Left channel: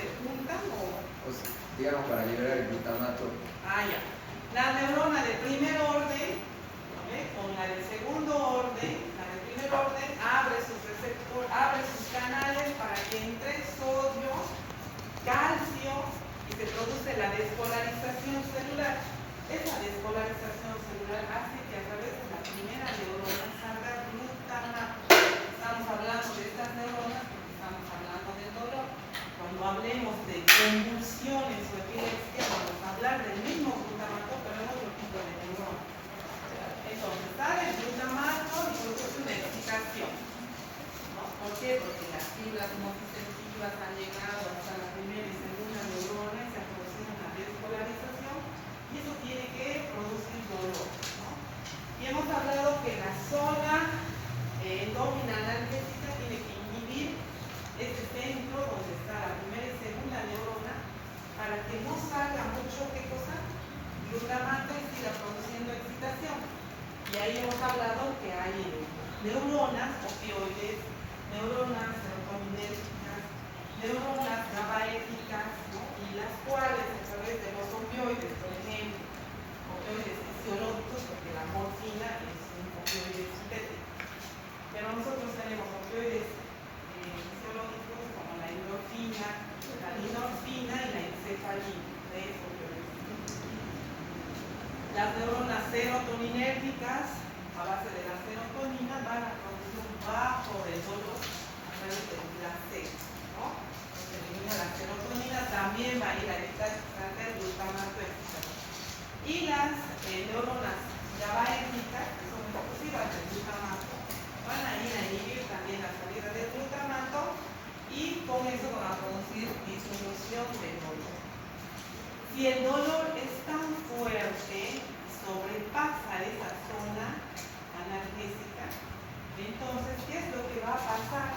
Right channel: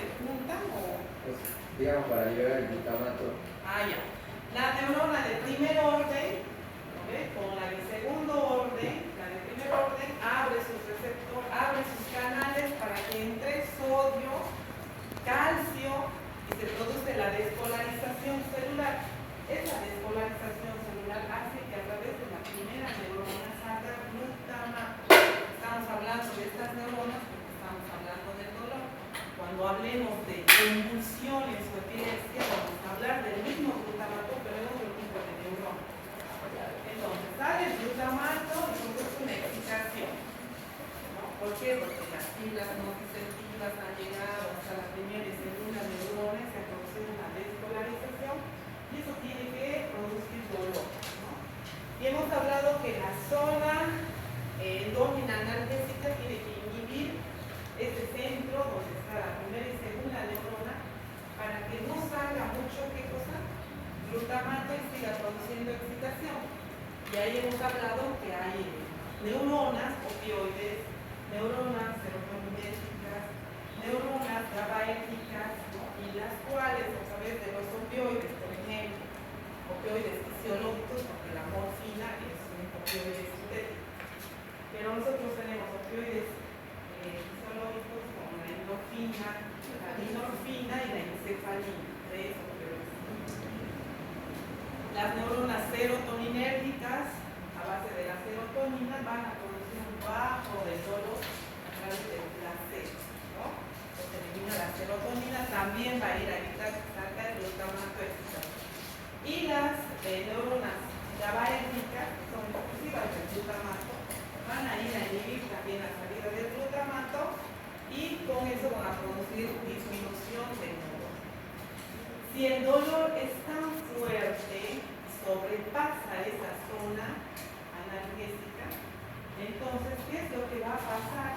se juntan o...? Pues, digamos, para liberar el glutamato. Ah, ya. La neurona de primer orden, ¿no ve? Con la de segundo orden, la de primer orden abre sus canales para que entre sodio, calcio y se produce la despolarización celular. Esa despolarización celular hace que a través de la primera neurona salga glutamato. Estamos hablando de estas neuronas porque estamos hablando del dolor. Cuando hablemos de convulsiones o epilepsia, vamos a hablar del mismo glutamato, pero en otro tipo de neurona. Entonces, sale el glutamato y produce una excitación, ¿no? ¿Por qué? Porque las fibras nociceptivas han llegado hasta la primera y segunda neurona y se ha producido una despolarización y eso tiene que producir dolor, ¿no? Y hemos hablado que la zona endógena analgésica tiene que inhibir este centro donde está la primera y segunda neurona para que no salga mucho, ¿qué cosa? Glutamato y siga produciendo excitación. Y ahí hemos hablado que hay neuronas opioides, neuronas serotoninérgicas, neuronas GABAérgicas, ¿no? Y las cuales a través de los opioides, por ejemplo, opioides fisiológicos, porque la morfina es un opioide sintético, pero nosotros tenemos opioides fisiológicos como la endorfina, la minorfina y la encefalina, tres opioides. Las neuronas serotoninérgicas a base de la serotonina van a producir un bajo de dolor a través del placer, ¿no? Se elimina la serotonina, también va a ir a evitar que salga el glutamato excitado. Y las neuronas GABAérgicas, que son exclusivas del glutamato, van a ir a inhibir también la salida del glutamato y con eso van a producir disminución del dolor. Si el dolor es tan fuerte, sobrepasa esa zona analgésica, entonces, ¿qué es lo que va a pasar?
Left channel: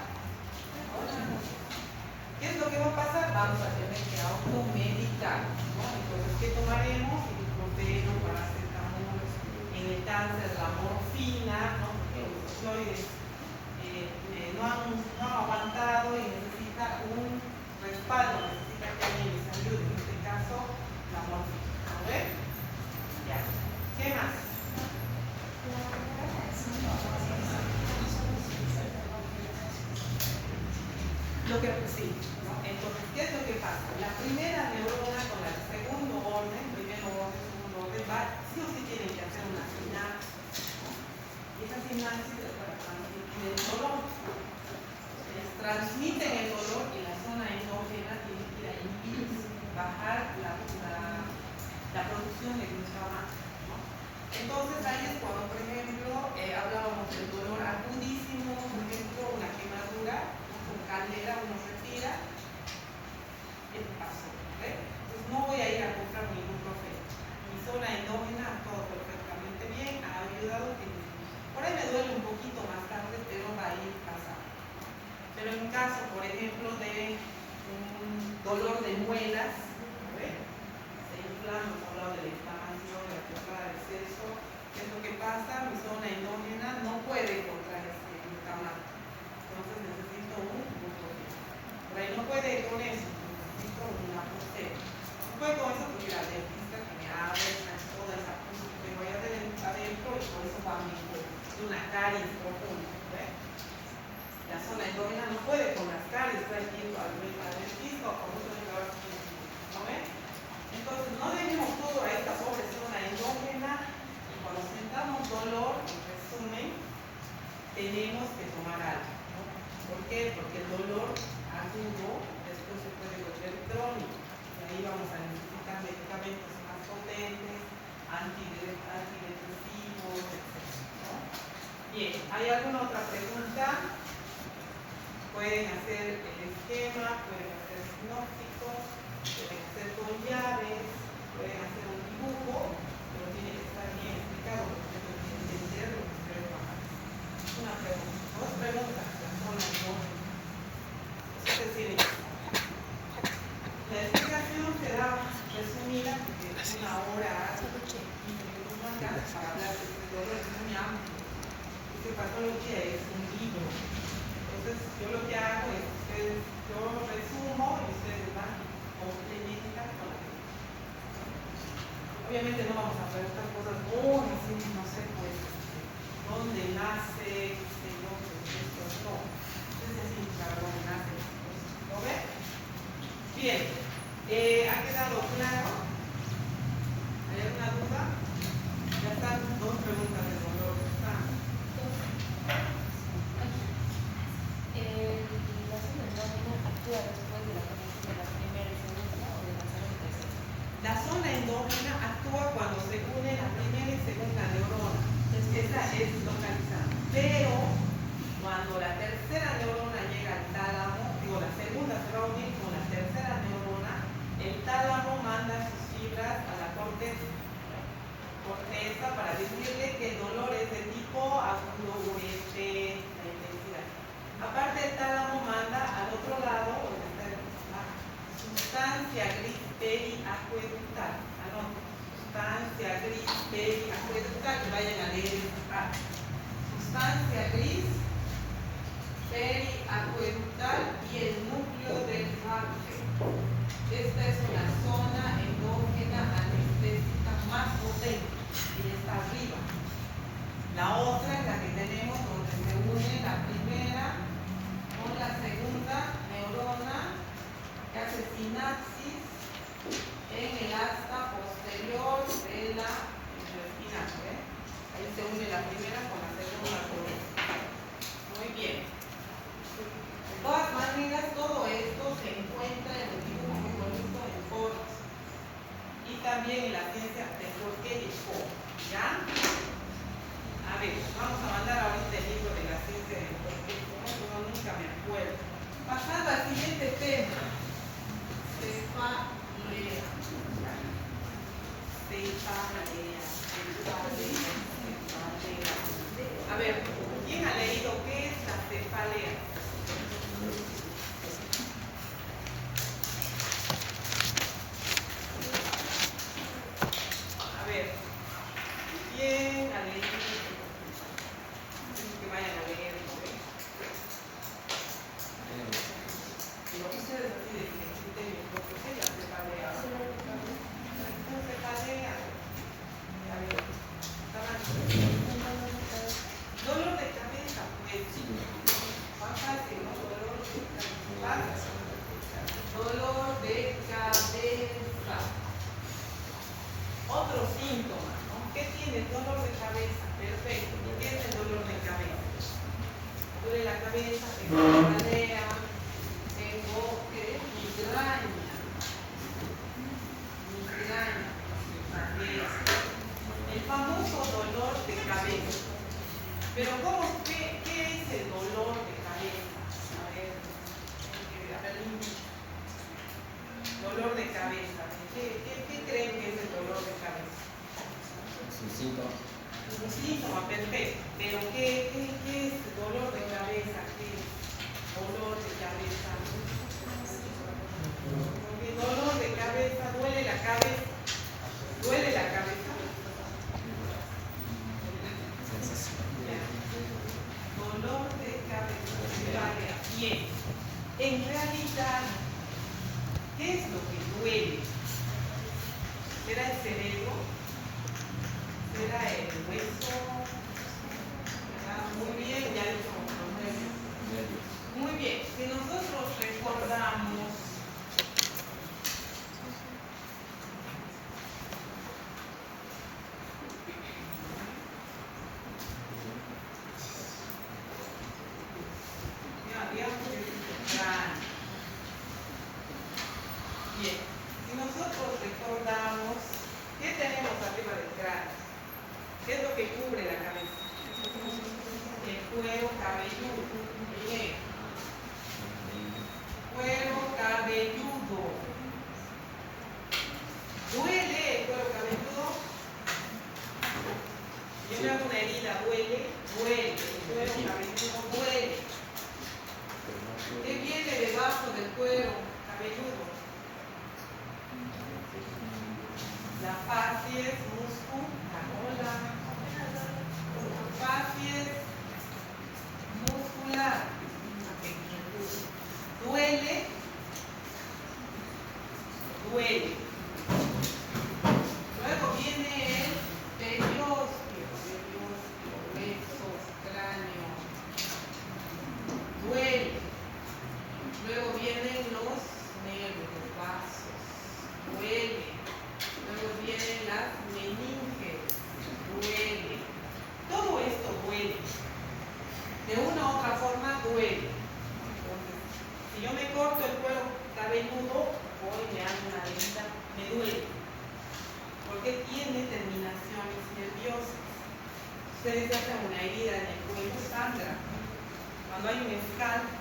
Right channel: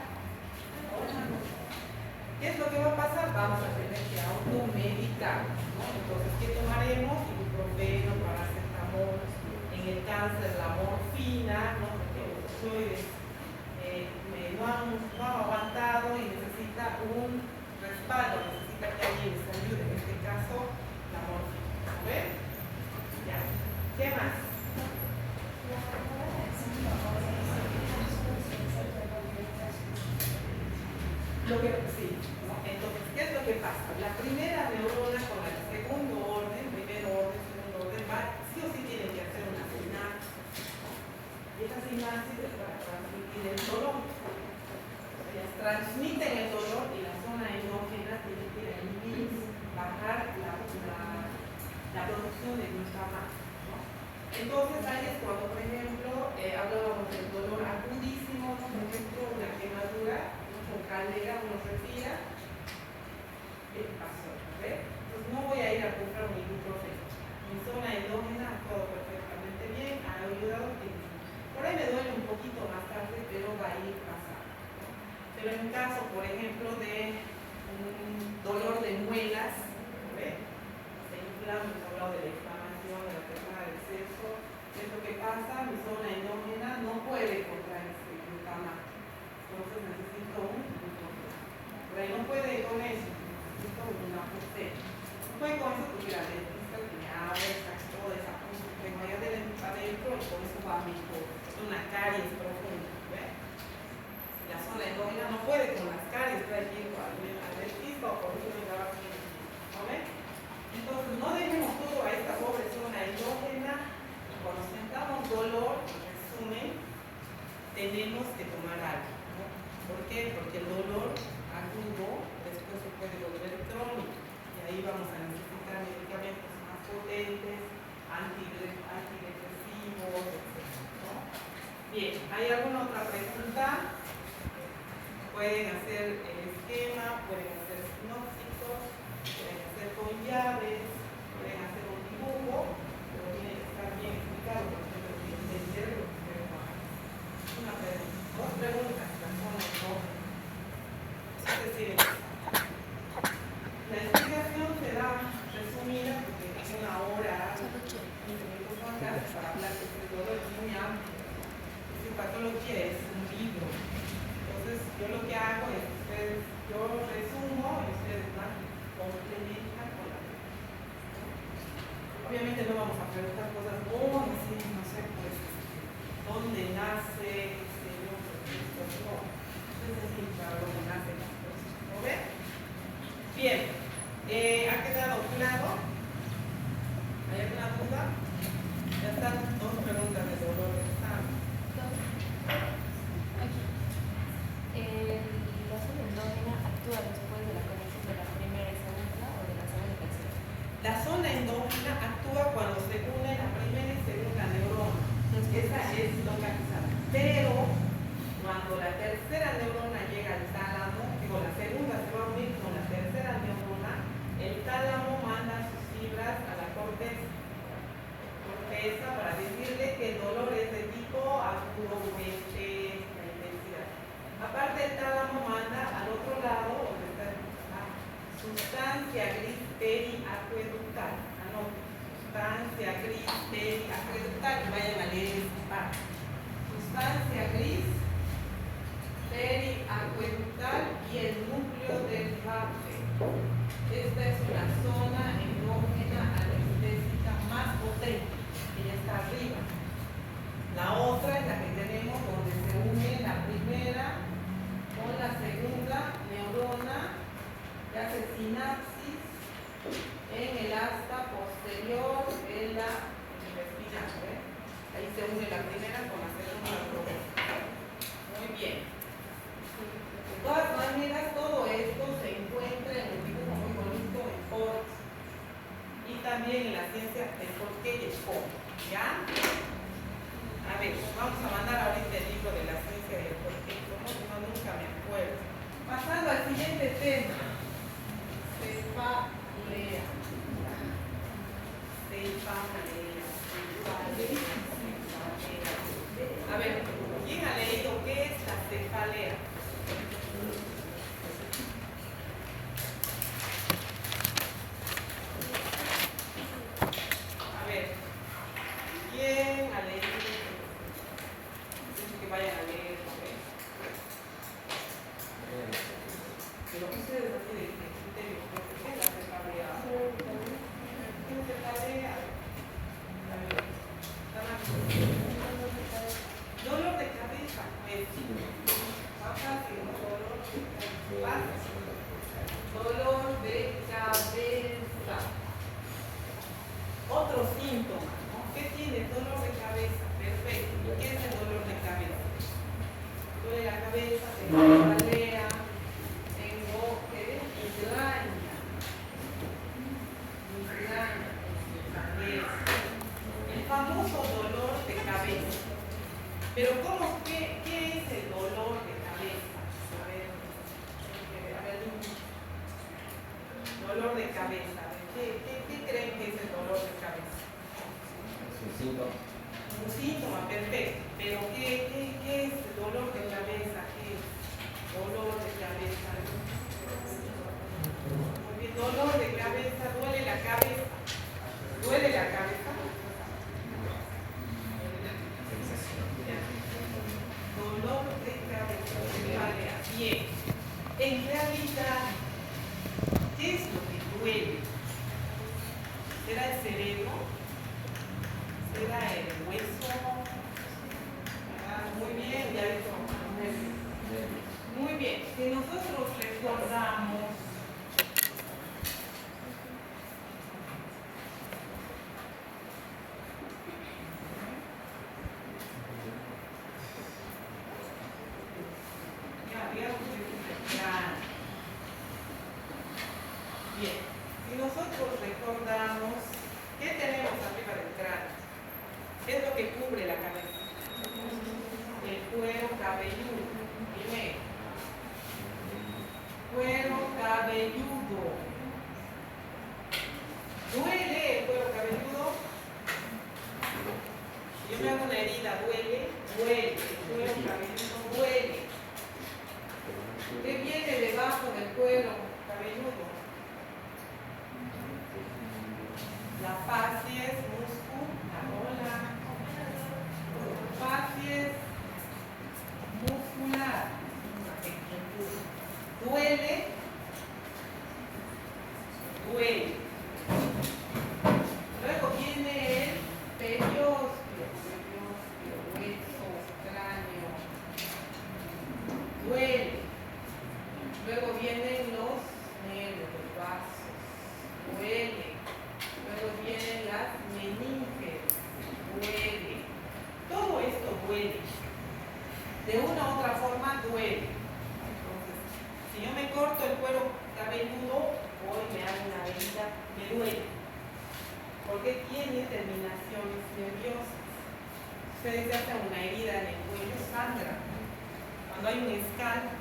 ¿Qué es lo que va a pasar? Vamos a tener que automedicar, ¿no? Entonces, ¿qué tomaremos? Ibuprofeno, paracetamol, en el cáncer la morfina, ¿no? Porque los opioides no han aguantado y necesita un respaldo, necesita que alguien les ayude, en este caso la morfina. ¿A ver? Ya. ¿Qué más? Sí, ¿no? Entonces, ¿qué es lo que pasa? La primera neurona con el segundo orden, primero orden, segundo orden, sí o sí tienen que hacer una sinapsis, ¿no? Y esa sinapsis es para transmitir el dolor. Ellos transmiten el dolor y la zona endógena tiene que ir a inhibir, bajar la producción de glutamato, ¿no? Entonces, ahí es cuando, por ejemplo, hablábamos del dolor agudísimo, por ejemplo, una quemadura, con caldera, uno se tira, ¿qué pasó? ¿Ve? Entonces no voy a ir a comprar un ibuprofeno. Mi zona endógena ha todo perfectamente bien, ha ayudado que por ahí me duele un poquito más tarde, pero va a ir pasando, ¿no? Pero en caso, por ejemplo, de un dolor de muelas, ¿ve? Se inflama, hemos hablado de la inflamación, de la quemada del seso, ¿qué es lo que pasa? Mi zona endógena no puede encontrar este glutamato. Entonces necesito un ibuprofeno. Por ahí no puede ir con eso, necesito una prostera. No puede con eso porque la dentista que me abre toda esa cosa que tengo allá adentro y con eso va a mejorar una caries profunda. ¿Ve? La zona endógena no puede con las caries, trae que ir al dentista o por eso llevar a ¿no ve? Entonces no dejemos todo a esta pobre zona endógena y cuando sentamos dolor, en resumen, tenemos que tomar algo, ¿no? ¿Por qué? Porque el dolor agudo después se puede volver crónico y ahí vamos a necesitar medicamentos más potentes, antidepresivos, etc., ¿no? Bien, ¿hay alguna otra pregunta? Pueden hacer el esquema, pueden hacer sinópticos, pueden hacer con llaves, pueden hacer un dibujo, pero tiene que estar bien explicado porque ustedes tienen que entender lo que ustedes van a hacer. Una pregunta. Dos preguntas. La explicación será resumida porque es una hora, 15 minutos más tarde para hablar de este dolor, es muy amplio. Fisiopatología es un libro. Entonces, yo lo que hago es, yo resumo y ustedes van obviamente no vamos a preguntar cosas muy así, no sé, pues, dónde nace, qué sé yo, pues, esto, no. Entonces es para dónde nacen las cosas. ¿Lo ven? Bien. ¿Ha quedado claro? ¿Hay alguna duda? Ya están dos preguntas de dolor de sangre. ¿La zona endógena actúa después de la conexión de la primera y segunda o de la segunda y tercera? La zona endógena actúa cuando se une la primera y segunda neurona. Esa es localizada. Pero cuando la tercera neurona llega al tálamo, digo, la segunda se va a unir con la tercera neurona, el tálamo manda sus fibras a la corteza para decirle que el dolor es de tipo agudo, urgente, la intensidad. Aparte, el tálamo manda al otro lado, donde está la sustancia gris periacueductal. Sustancia gris periacueductal, y vayan a leer esta parte. Sustancia gris periacueductal y el núcleo del Raphe. Esta es una zona endógena anestésica más potente y está arriba. La otra es la que tenemos donde se une la primera con la segunda neurona que hace sinapsis en el asta posterior de la intestinal. Ahí se une la primera con la segunda neurona. Muy bien. De todas maneras, todo esto se encuentra en el dibujo muy bonito en Forest y también en la ciencia de por qué y cómo. ¿Ya? A ver, vamos a mandar ahorita el libro de la ciencia del por qué y cómo, como nunca me acuerdo. Pasando al siguiente tema. Cefalea. A ver, ¿quién ha leído qué es la cefalea? A ver, ¿quién ha leído? Que vayan a leer. Pero ustedes así de criterio, ¿qué es la cefalea? ¿Cómo cefalea? A ver, dolor de cabeza, pues. Más fácil, ¿no? Dolor de cabeza. Otro síntoma, ¿no? ¿Qué tiene? Dolor de cabeza. Perfecto. ¿Qué es el dolor de cabeza? Duele la cabeza, tengo cefalea, tengo migraña. El famoso dolor de cabeza. Pero ¿qué es el dolor de cabeza? A ver, dolor de cabeza. ¿Qué creen que es el dolor de cabeza? Es un síntoma. Un síntoma, perfecto. Pero ¿qué es el dolor de cabeza? ¿Qué es? Dolor de cabeza. Porque el dolor de cabeza, duele la cabeza. ¿Duele la cabeza? Dolor de cabeza. Vale, bien. En realidad, ¿qué es lo que duele? ¿Será el cerebro? ¿Será el hueso? Muy bien, ya dijo. Muy bien. Si nosotros recordamos bien, si nosotros recordamos, ¿qué tenemos arriba del cráneo? ¿Qué es lo que cubre la cabeza? El cuero cabelludo. Bien. Cuero cabelludo. ¿Duele el cuero cabelludo? Yo me hago una herida, ¿duele? Duele. El cuero cabelludo duele. ¿Qué viene debajo del cuero cabelludo? La facies muscular. La facies muscular. ¿Duele? Duele. Luego viene ustedes se hacen una herida en el cuello, sangra. Cuando hay un escalpo,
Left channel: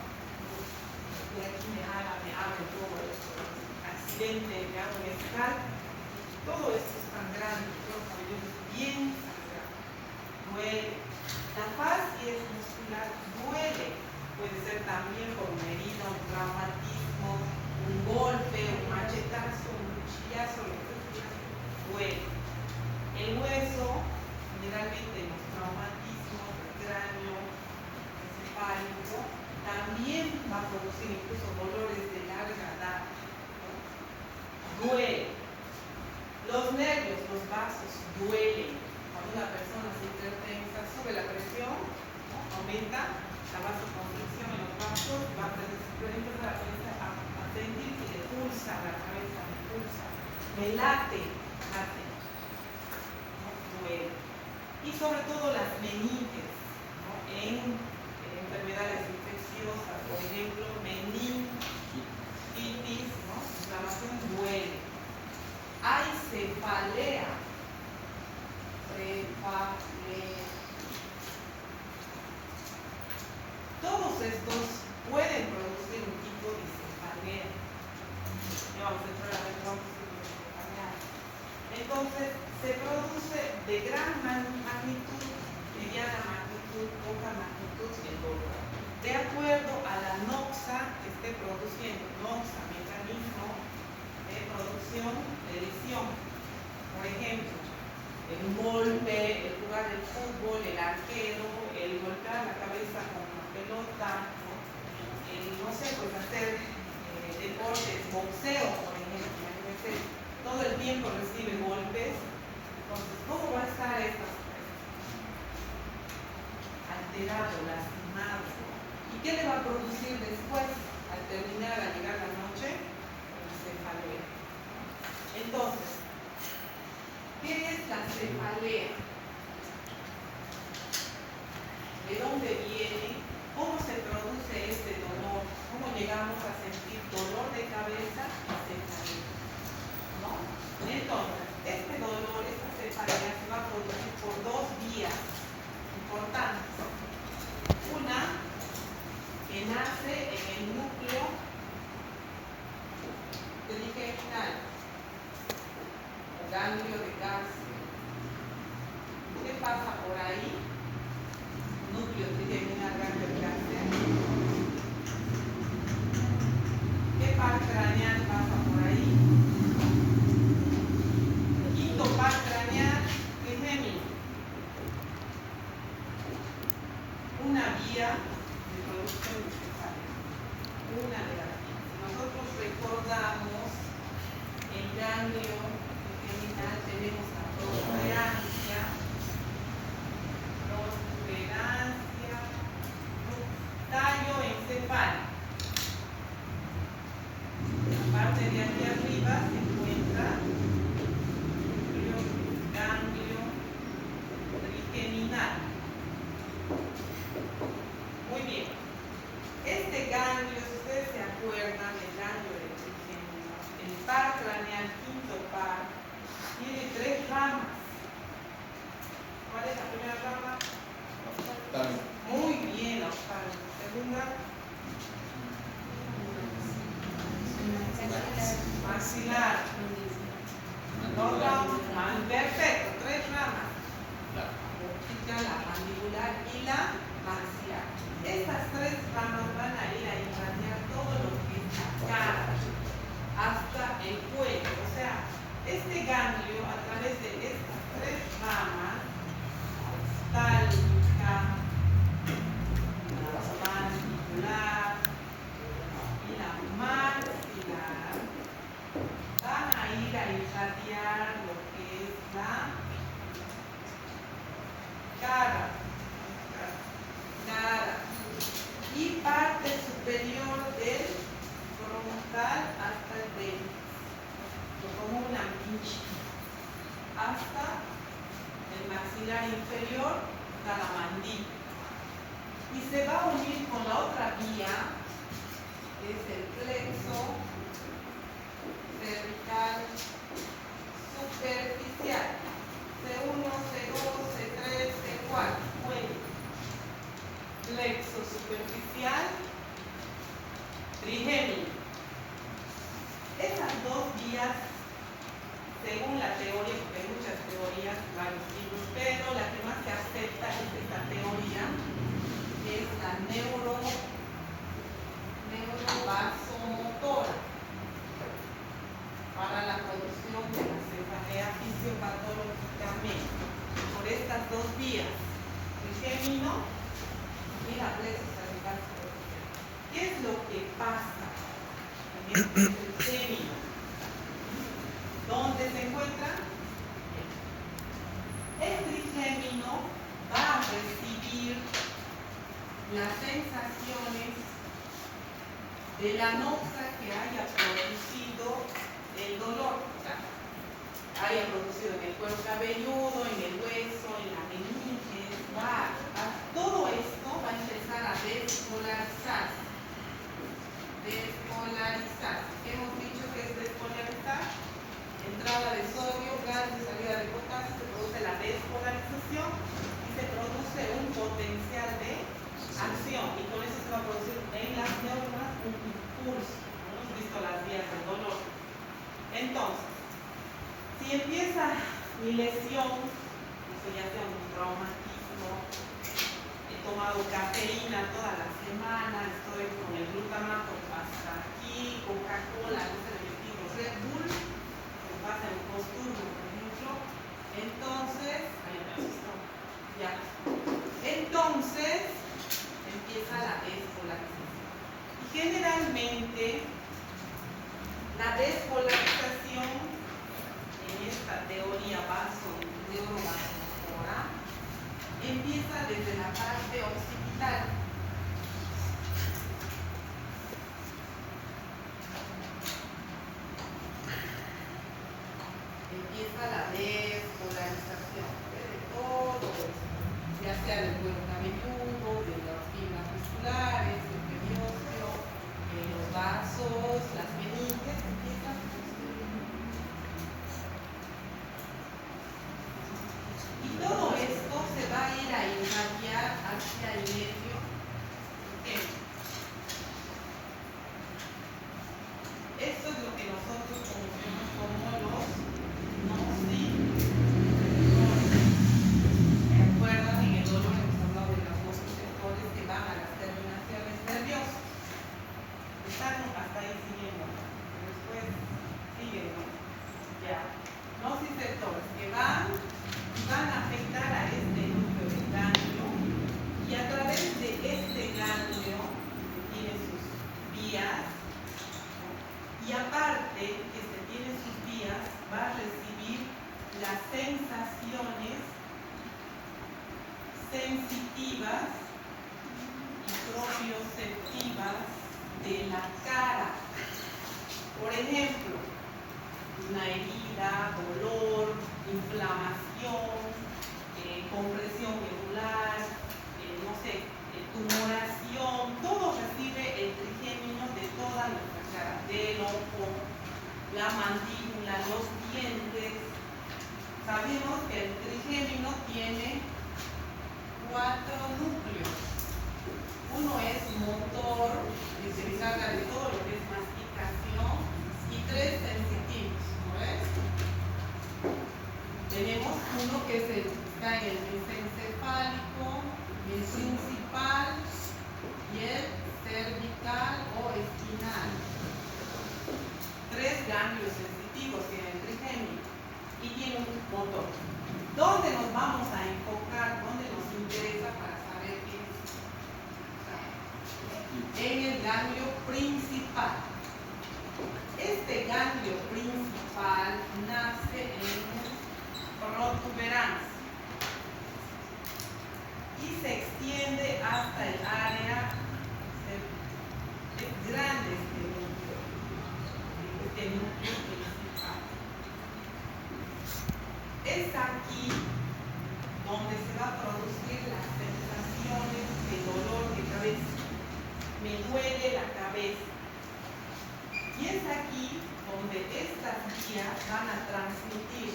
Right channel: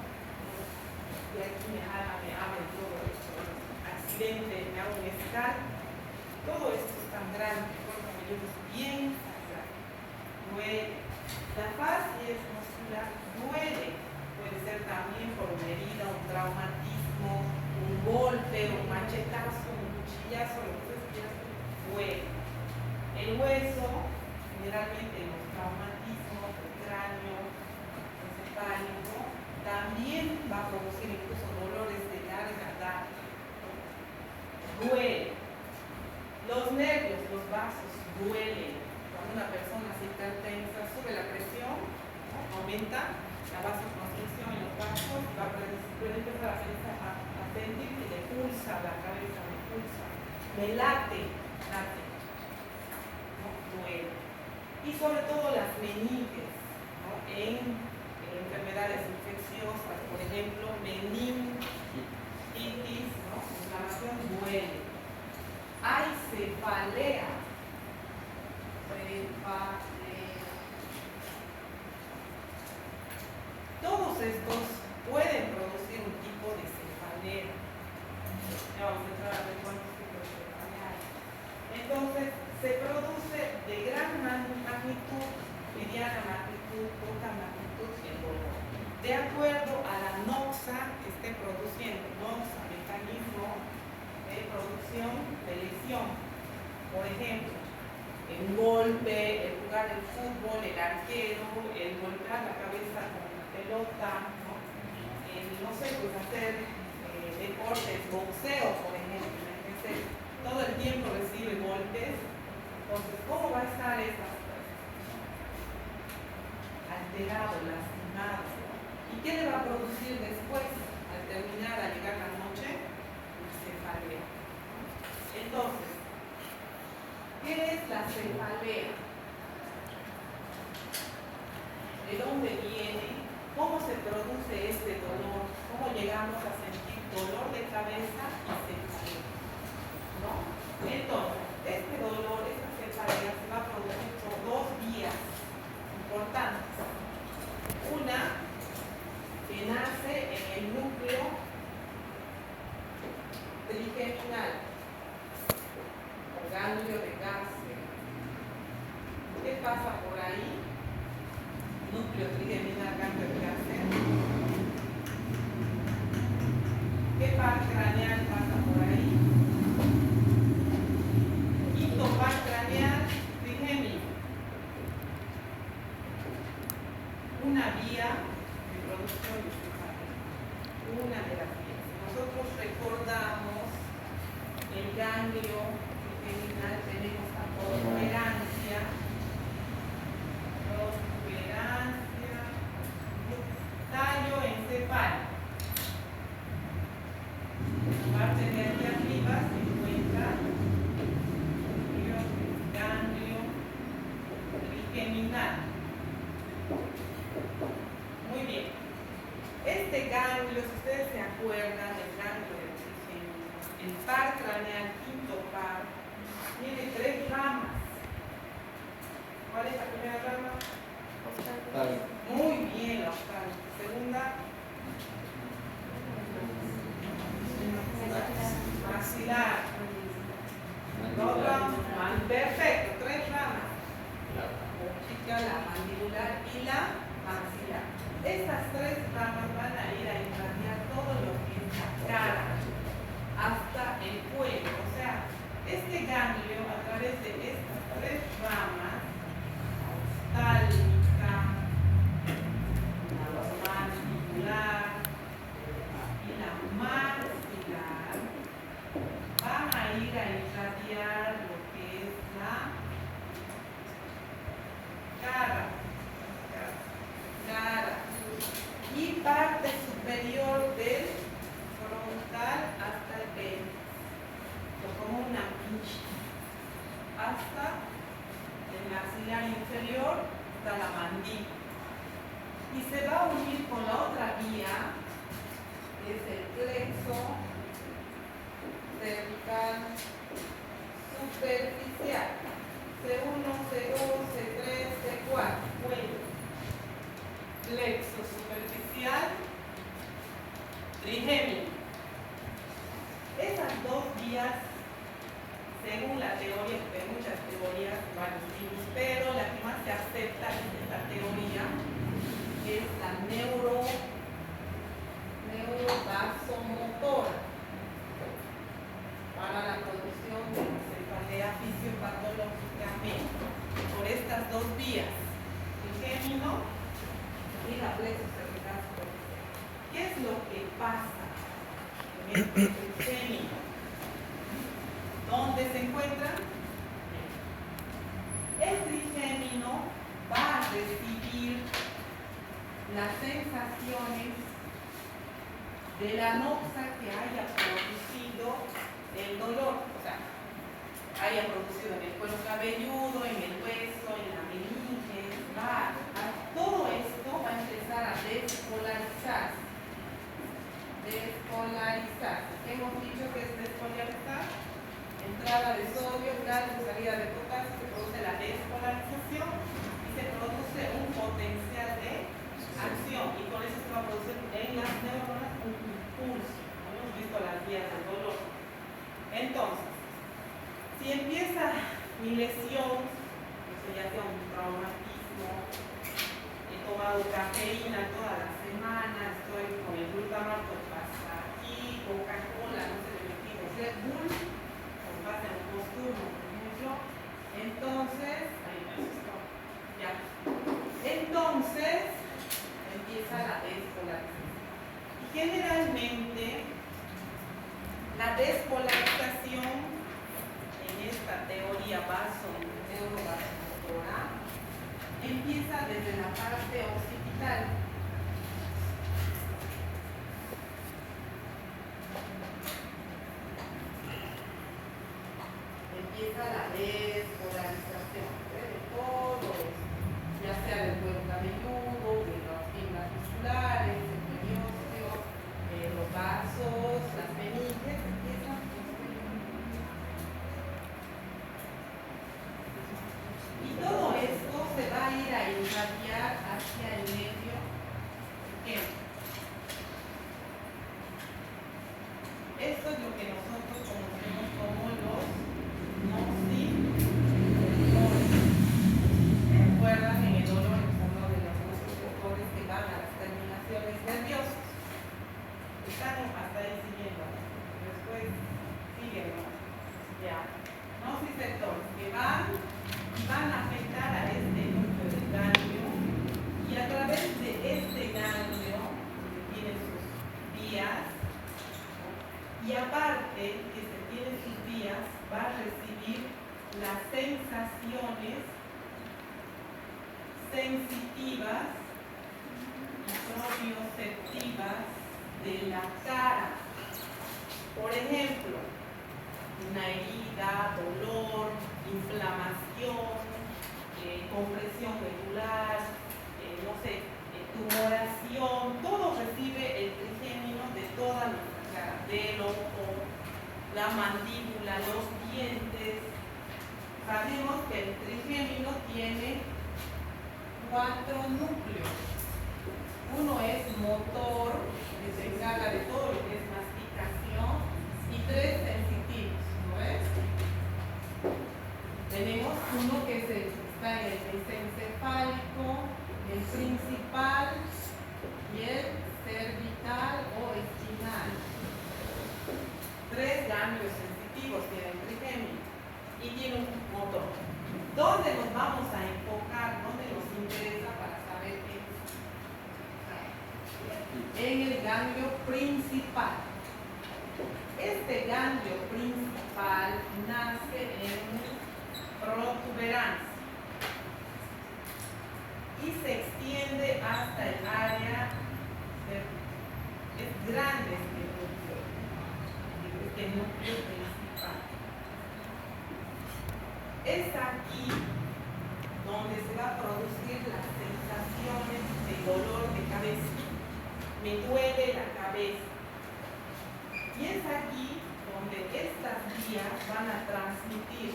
de aquí me abre todo esto, accidente, me hago un escalpo, todo esto es tan grande, todo el cuello es bien sangrado, duele. La fascia muscular duele, puede ser también por una herida, un traumatismo, un golpe, un machetazo, un cuchillazo, lo que sea, duele. El hueso, generalmente los traumatismos del cráneo, encefálico, también va a producir incluso dolores de larga data. Duele. Los nervios, los vasos, duelen. Cuando una persona se hipertensa, sube la presión, ¿no? Aumenta la vasoconstricción en los vasos, puede empezar a sentir que le pulsa la cabeza, le pulsa, me late, y sobre todo las meninges, ¿no? En enfermedades infecciosas, por ejemplo, meningitis, ¿no? Inflamación duele. Hay cefalea. Todos estos pueden producir un tipo de cefalea. Ya vamos a entrar a ver cuántos tipos de cefalea hay. Entonces, se produce de gran magnitud, mediana magnitud, poca magnitud el dolor. De acuerdo a la noxa que esté produciendo, noxa, mecanismo de producción de lesión. Por ejemplo, un golpe, el jugar el fútbol, el arquero, el golpear la cabeza con una pelota, ¿no? No sé, pues hacer deportes, boxeo, por ejemplo, imagínense, todo el tiempo recibe golpes. Entonces, ¿cómo va a estar esta alterado, lastimado? ¿Y qué le va a producir después, al terminar, al llegar la noche? Cefalea. Entonces, ¿qué es la cefalea? ¿De dónde viene? ¿Cómo se produce este dolor? ¿Cómo llegamos a sentir dolor de cabeza y cefalea? ¿No? Entonces, este dolor, esta cefalea se va a producir por dos vías importantes. Una, que nace en el núcleo trigeminal, o ganglio de Gassner. ¿Qué pasa por ahí? Núcleo trigeminal, ganglio de Gassner. ¿Qué par craneal pasa por ahí? Quinto par craneal, trigémino. Una vía de producción de cefalea. Una de las vías. Nosotros recordamos el ganglio trigeminal, tenemos la protuberancia, tallo encefálico. La parte de aquí arriba se encuentra el ganglio trigeminal. Muy bien. Este ganglio, si ustedes se acuerdan, el ganglio del trigeminal, el par craneal, quinto par, tiene tres ramas. ¿Cuál es la primera rama? Muy bien, la octava. Segunda, maxilar. Perfecto, tres ramas. La mandibular y la maxilar. Estas tres ramas van a ir a irradiar todo lo que es la cara hasta el cuello. O sea, este ganglio, a través de estas tres ramas, la oftálmica, la mandibular y la maxilar, van a ir a irradiar lo que es la cara y parte superior del frontal hasta el pecho, como una pincha, hasta el maxilar inferior, hasta la mandíbula, y se va a unir con la otra vía, que es el plexo cervical superficial, C1, C2, C3, C4, ¿Cuál? Cuello. Plexo superficial, trigémino. Esas dos vías, según la teoría, porque hay muchas teorías, varios libros, pero la que más se acepta es esta teoría, que es la neurovasomotora para la producción de la cefalea fisiopatológicamente por estas dos vías, trigémino y la plexo cervical superficial. ¿Qué es lo que pasa en este trigémino? ¿Dónde se encuentran? El trigémino va a recibir las sensaciones de la noxa que haya producido el dolor, o sea, haya producido en el cuero cabelludo, en el hueso, en la meninge, todo esto va a empezar a despolarizarse. ¿Qué hemos dicho que es despolarizar? Entrada de sodio, gas y salida de potasio, se produce la despolarización y se produce un potencial de acción, y con eso se va a producir en las neuronas un impulso. Hemos visto las vías del dolor. Entonces, si empieza mi lesión, ya sea un traumatismo, he tomado cafeína toda la semana, estoy con el glutamato hasta aquí, Coca-Cola, no se le metido Red Bull, con base en el posturno, por ejemplo, entonces, empieza la despolarización. Y generalmente, la despolarización en esta teoría neurovasomotora empieza desde la parte occipital. Empieza la despolarización de todo esto, ya sea del cuero cabelludo, de las fibras musculares, el periósteo, los vasos, las meninges, empiezan. Y todo esto se va a ir a irradiar hacia el nervio. Esto es lo que nosotros conocemos como los nociceptores. ¿Recuerdan en el dolor que hemos hablado de los nociceptores que van a las terminaciones nerviosas? Están hasta ahí siguiendo, después siguen, ¿no? Ya. Nociceptores que van a afectar a este núcleo del ganglio, y a través de este ganglio que tiene sus vías, y aparte que se tiene sus vías, va a recibir las sensaciones sensitivas y propioceptivas de la cara. Por ejemplo, una herida, dolor, inflamación, compresión medular, no sé, tumoración, todo recibe el trigémino de toda nuestra cara, del ojo, la mandíbula, los dientes. Sabemos que el trigémino tiene 4 núcleos. Uno es motor, que se encarga de todo lo que es masticación, y 3 sensitivos, ¿no ves? Tenemos uno que está en el mesencefálico, el principal y el cervical o espinal. 3 ganglios sensitivos tiene el trigémino y tiene un motor. ¿Dónde nos vamos a enfocar? ¿Dónde nos interesa para saber qué es? En el ganglio principal. Este ganglio principal nace en protuberancia y se extiende hasta el área es grande este núcleo principal. Es aquí donde se va a producir las sensaciones de dolor de cabeza. Me duele la cabeza. Y es aquí donde estas vías van a transmitir,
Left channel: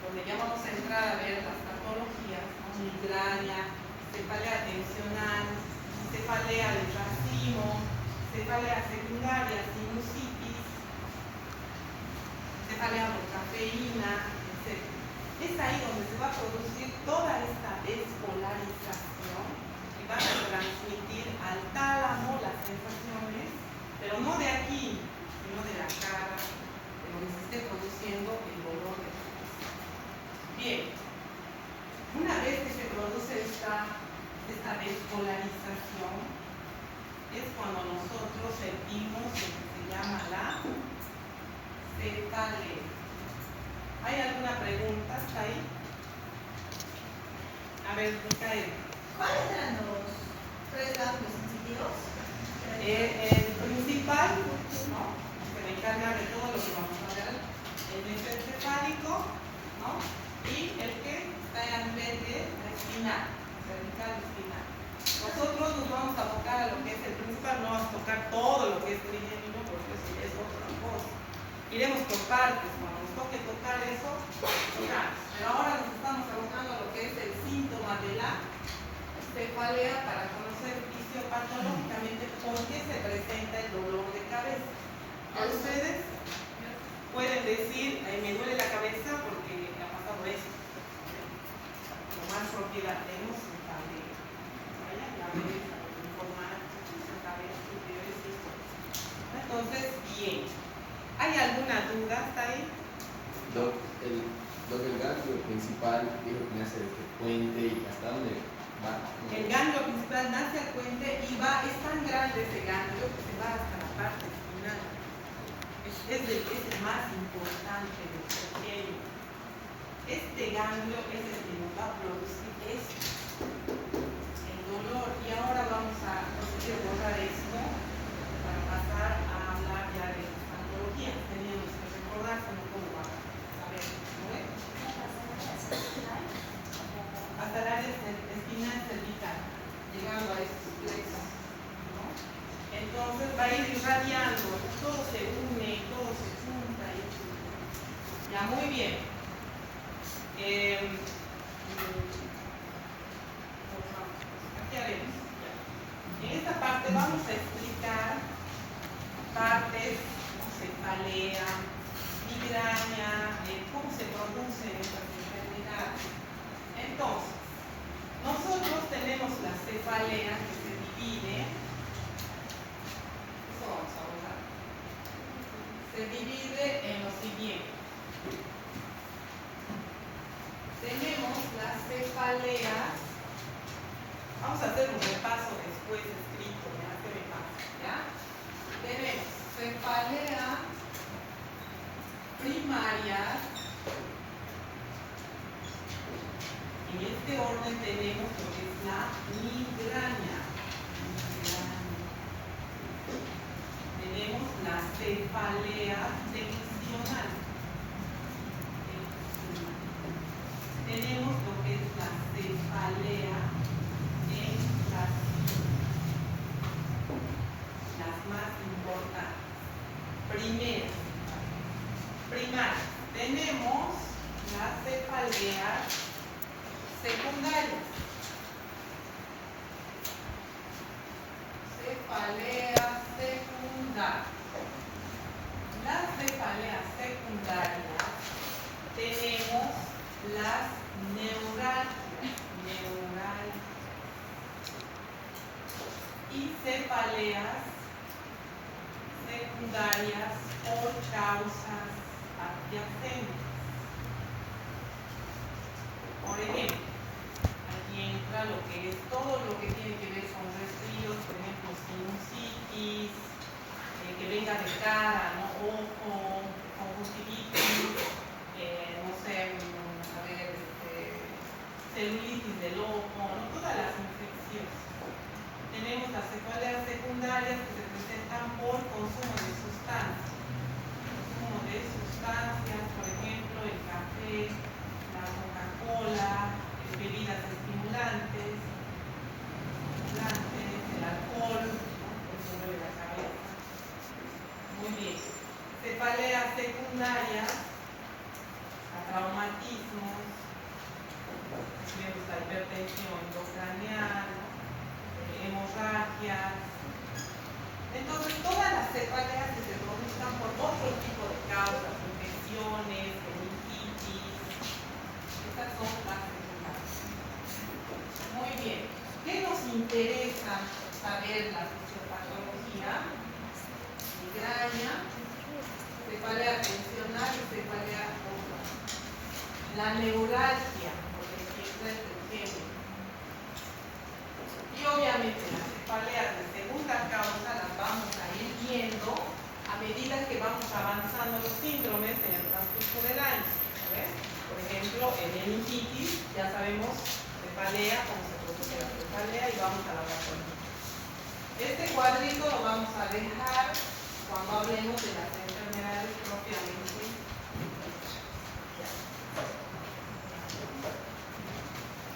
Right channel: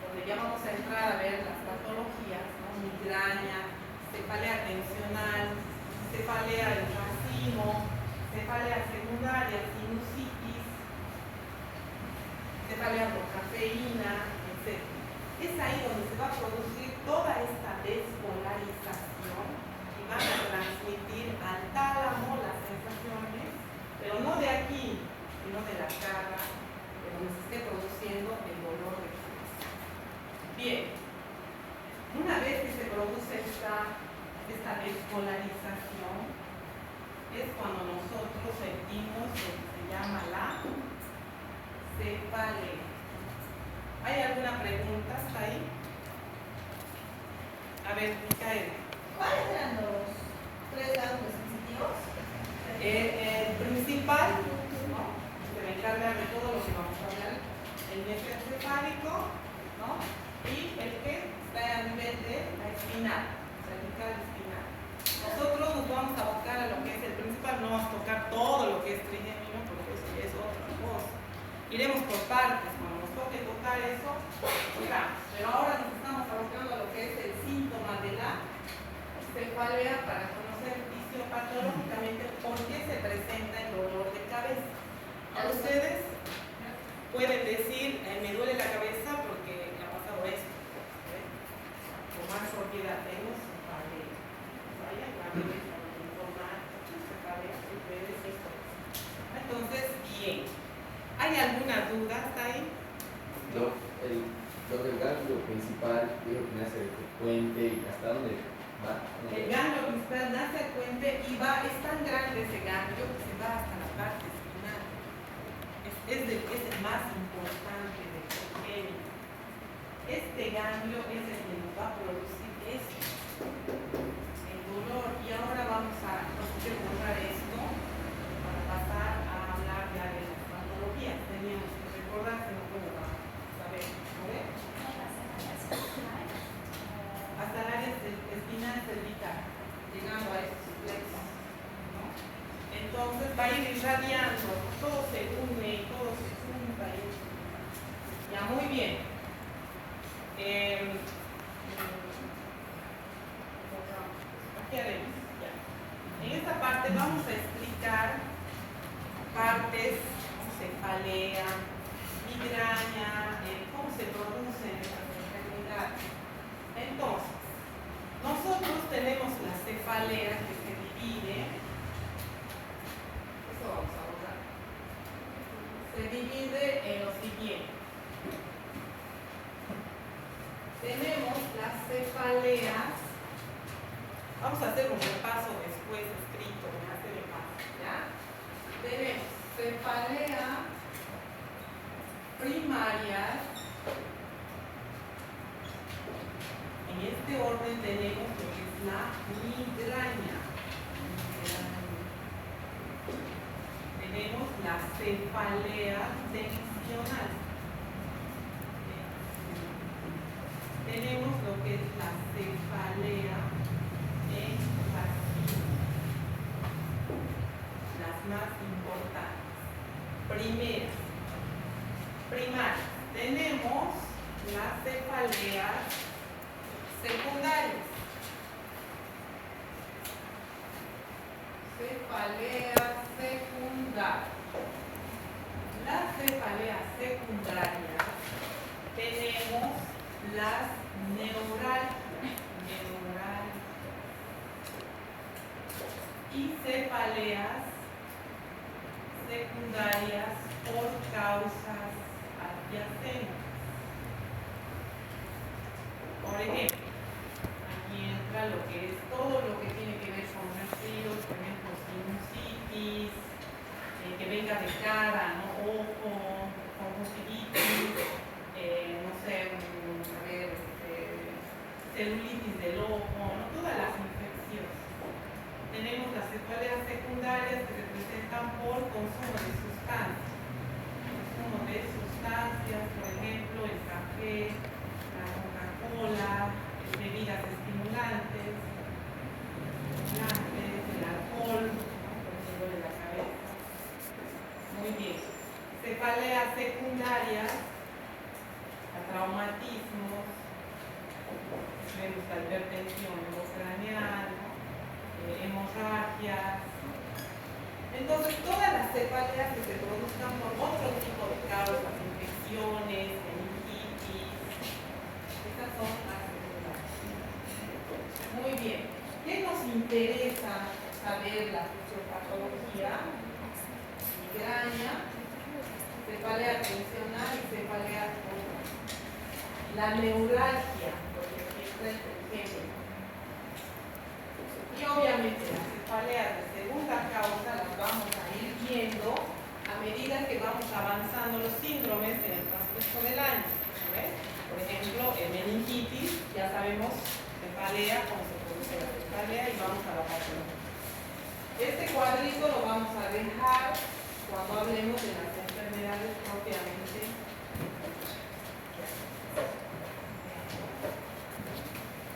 por donde ya vamos a entrar a ver las patologías, ¿no? Migraña, cefalea tensional, cefalea del racimo, cefalea secundaria, sinusitis, cefalea por cafeína, etc. Es ahí donde se va a producir toda esta despolarización y van a transmitir al tálamo las sensaciones, pero no de aquí, sino de la cara, de donde se esté produciendo el dolor de cabeza. Bien, una vez que se produce esta despolarización, es cuando nosotros sentimos lo que se llama la cefalea. ¿Hay alguna pregunta hasta ahí? A ver, Micaela. ¿Cuáles eran los 3 ganglios sensitivos? El principal, ¿no? Que me encarga de todo lo que vamos a hablar, el mesencefálico, ¿no? Y el que está a nivel de la espinal, cervical espinal. Nosotros nos vamos a tocar a lo que es el principal, no vamos a tocar todo lo que es trigémino, porque eso ya es otra cosa. Iremos por partes, cuando nos toque tocar eso, tocamos. Pero ahora nos estamos enfocando a lo que es el síntoma de la cefalea para conocer fisiopatológicamente por qué se presenta el dolor de cabeza. Ustedes pueden decir, me duele la cabeza porque ha pasado esto. Con más propiedad, tenemos cefalea. Vaya la cabeza, informar, la cabeza, ¿qué es esto? Entonces, bien. ¿Hay alguna duda hasta ahí? El ganglio principal dijo que nace del puente y hasta dónde va. El ganglio principal nace al puente y es tan grande ese ganglio que se va hasta la parte espinal. Es el más importante del pequeño. Este ganglio es el que nos va a producir esto, el dolor. Y ahora vamos a borrar esto para pasar a hablar ya de las patologías. Teníamos que recordarse, no cómo va a ver. Hasta el área espinal cervical, llegando a estos plexos, ¿no? Entonces va a ir irradiando, todo se une y todo se junta. Ya, muy bien. ¿Qué haremos? En esta parte vamos a explicar partes, cefalea, migraña, cómo se producen estas enfermedades. Entonces, nosotros tenemos la cefalea que se divide, eso vamos a hablar, se divide en lo siguiente. Tenemos las cefaleas, vamos a hacer un repaso después escrito, ya se me pasa, ¿ya? Tenemos cefalea primaria. En este orden tenemos lo que es la migraña. Tenemos la cefalea tensional. Tenemos lo que es la cefalea en las más importantes. Primaria. Tenemos las cefaleas secundarias. Cefalea secundaria. Las cefaleas secundarias tenemos las neuralgias y cefaleas secundarias por causas adyacentes. Por ejemplo, aquí entra lo que es todo lo que tiene que ver con resfríos, por ejemplo, sinusitis, que venga de cara, ¿no? Ojo, conjuntivitis, no sé, a ver, celulitis del ojo, ¿no? Todas las infecciones. Tenemos las cefaleas secundarias que se presentan por consumo de sustancias. Por ejemplo, el café, la Coca-Cola, bebidas estimulantes, el alcohol, ¿no? Por eso duele la cabeza. Muy bien. Cefaleas secundarias, hasta traumatismos, vemos la hipertensión endocraneal, hemorragias. Entonces, todas las cefaleas que se produzcan por otro tipo de causas, infecciones, meningitis, estas son las secundarias. Muy bien. ¿Qué nos interesa saber la fisiopatología? Migraña, cefalea tensional y cefalea total. La neuralgia, porque aquí está el ejemplo. Y obviamente las cefaleas de segunda causa las vamos a ir viendo a medida que vamos avanzando los síndromes en el transcurso del año. ¿Ves? Por ejemplo, el meningitis, ya sabemos cefalea, cómo se produce la cefalea y vamos a la patología. Este cuadrito lo vamos a dejar cuando hablemos de las enfermedades propiamente.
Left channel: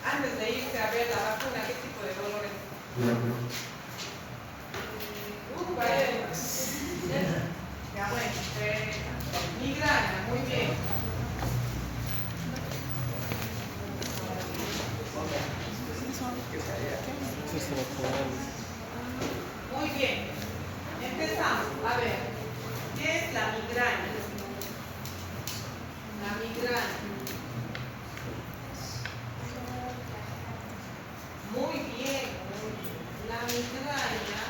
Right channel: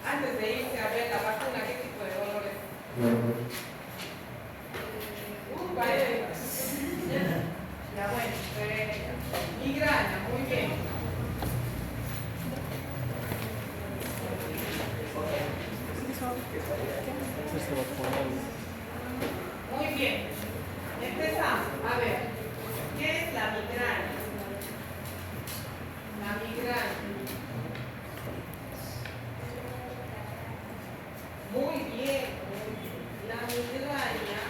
Antes de irse a ver la vacuna, ¿qué tipo de dolores? Vale. Ya bueno, migraña, muy bien. Muy bien. Empezamos. A ver, ¿qué es la migraña? La migraña. Muy bien, muy bien. La migraña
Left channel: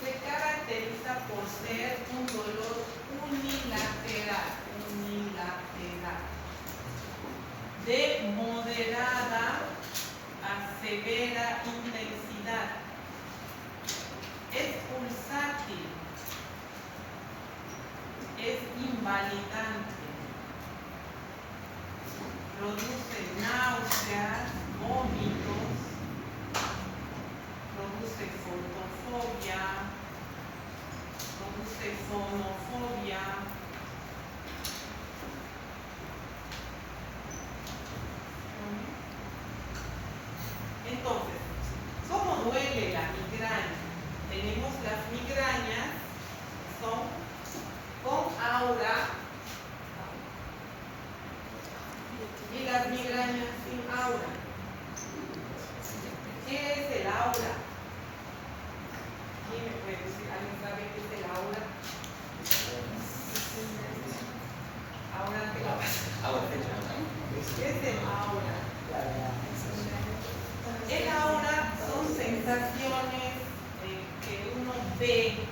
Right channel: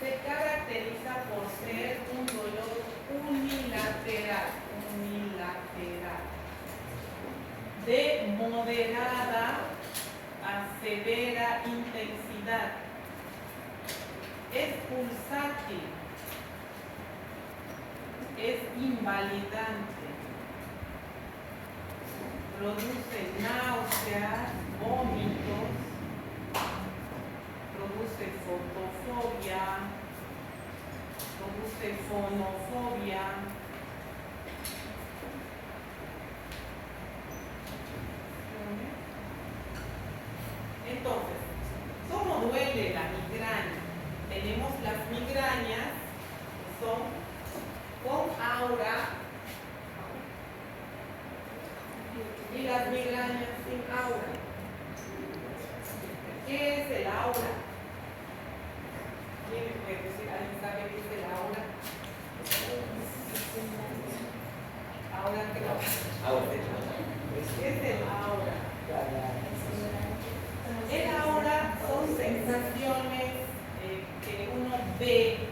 se caracteriza por ser un dolor unilateral, de moderada a severa intensidad. Es pulsátil, es invalidante, produce náuseas, vómitos, produce fotofobia, produce fonofobia. Entonces, ¿cómo duele la migraña? Tenemos las migrañas que son con aura y las migrañas sin aura. ¿Qué es el aura? ¿Quién me puede decir? ¿Alguien sabe qué es el aura? Ahora que lo ¿qué es el aura? El aura son sensaciones que uno ve,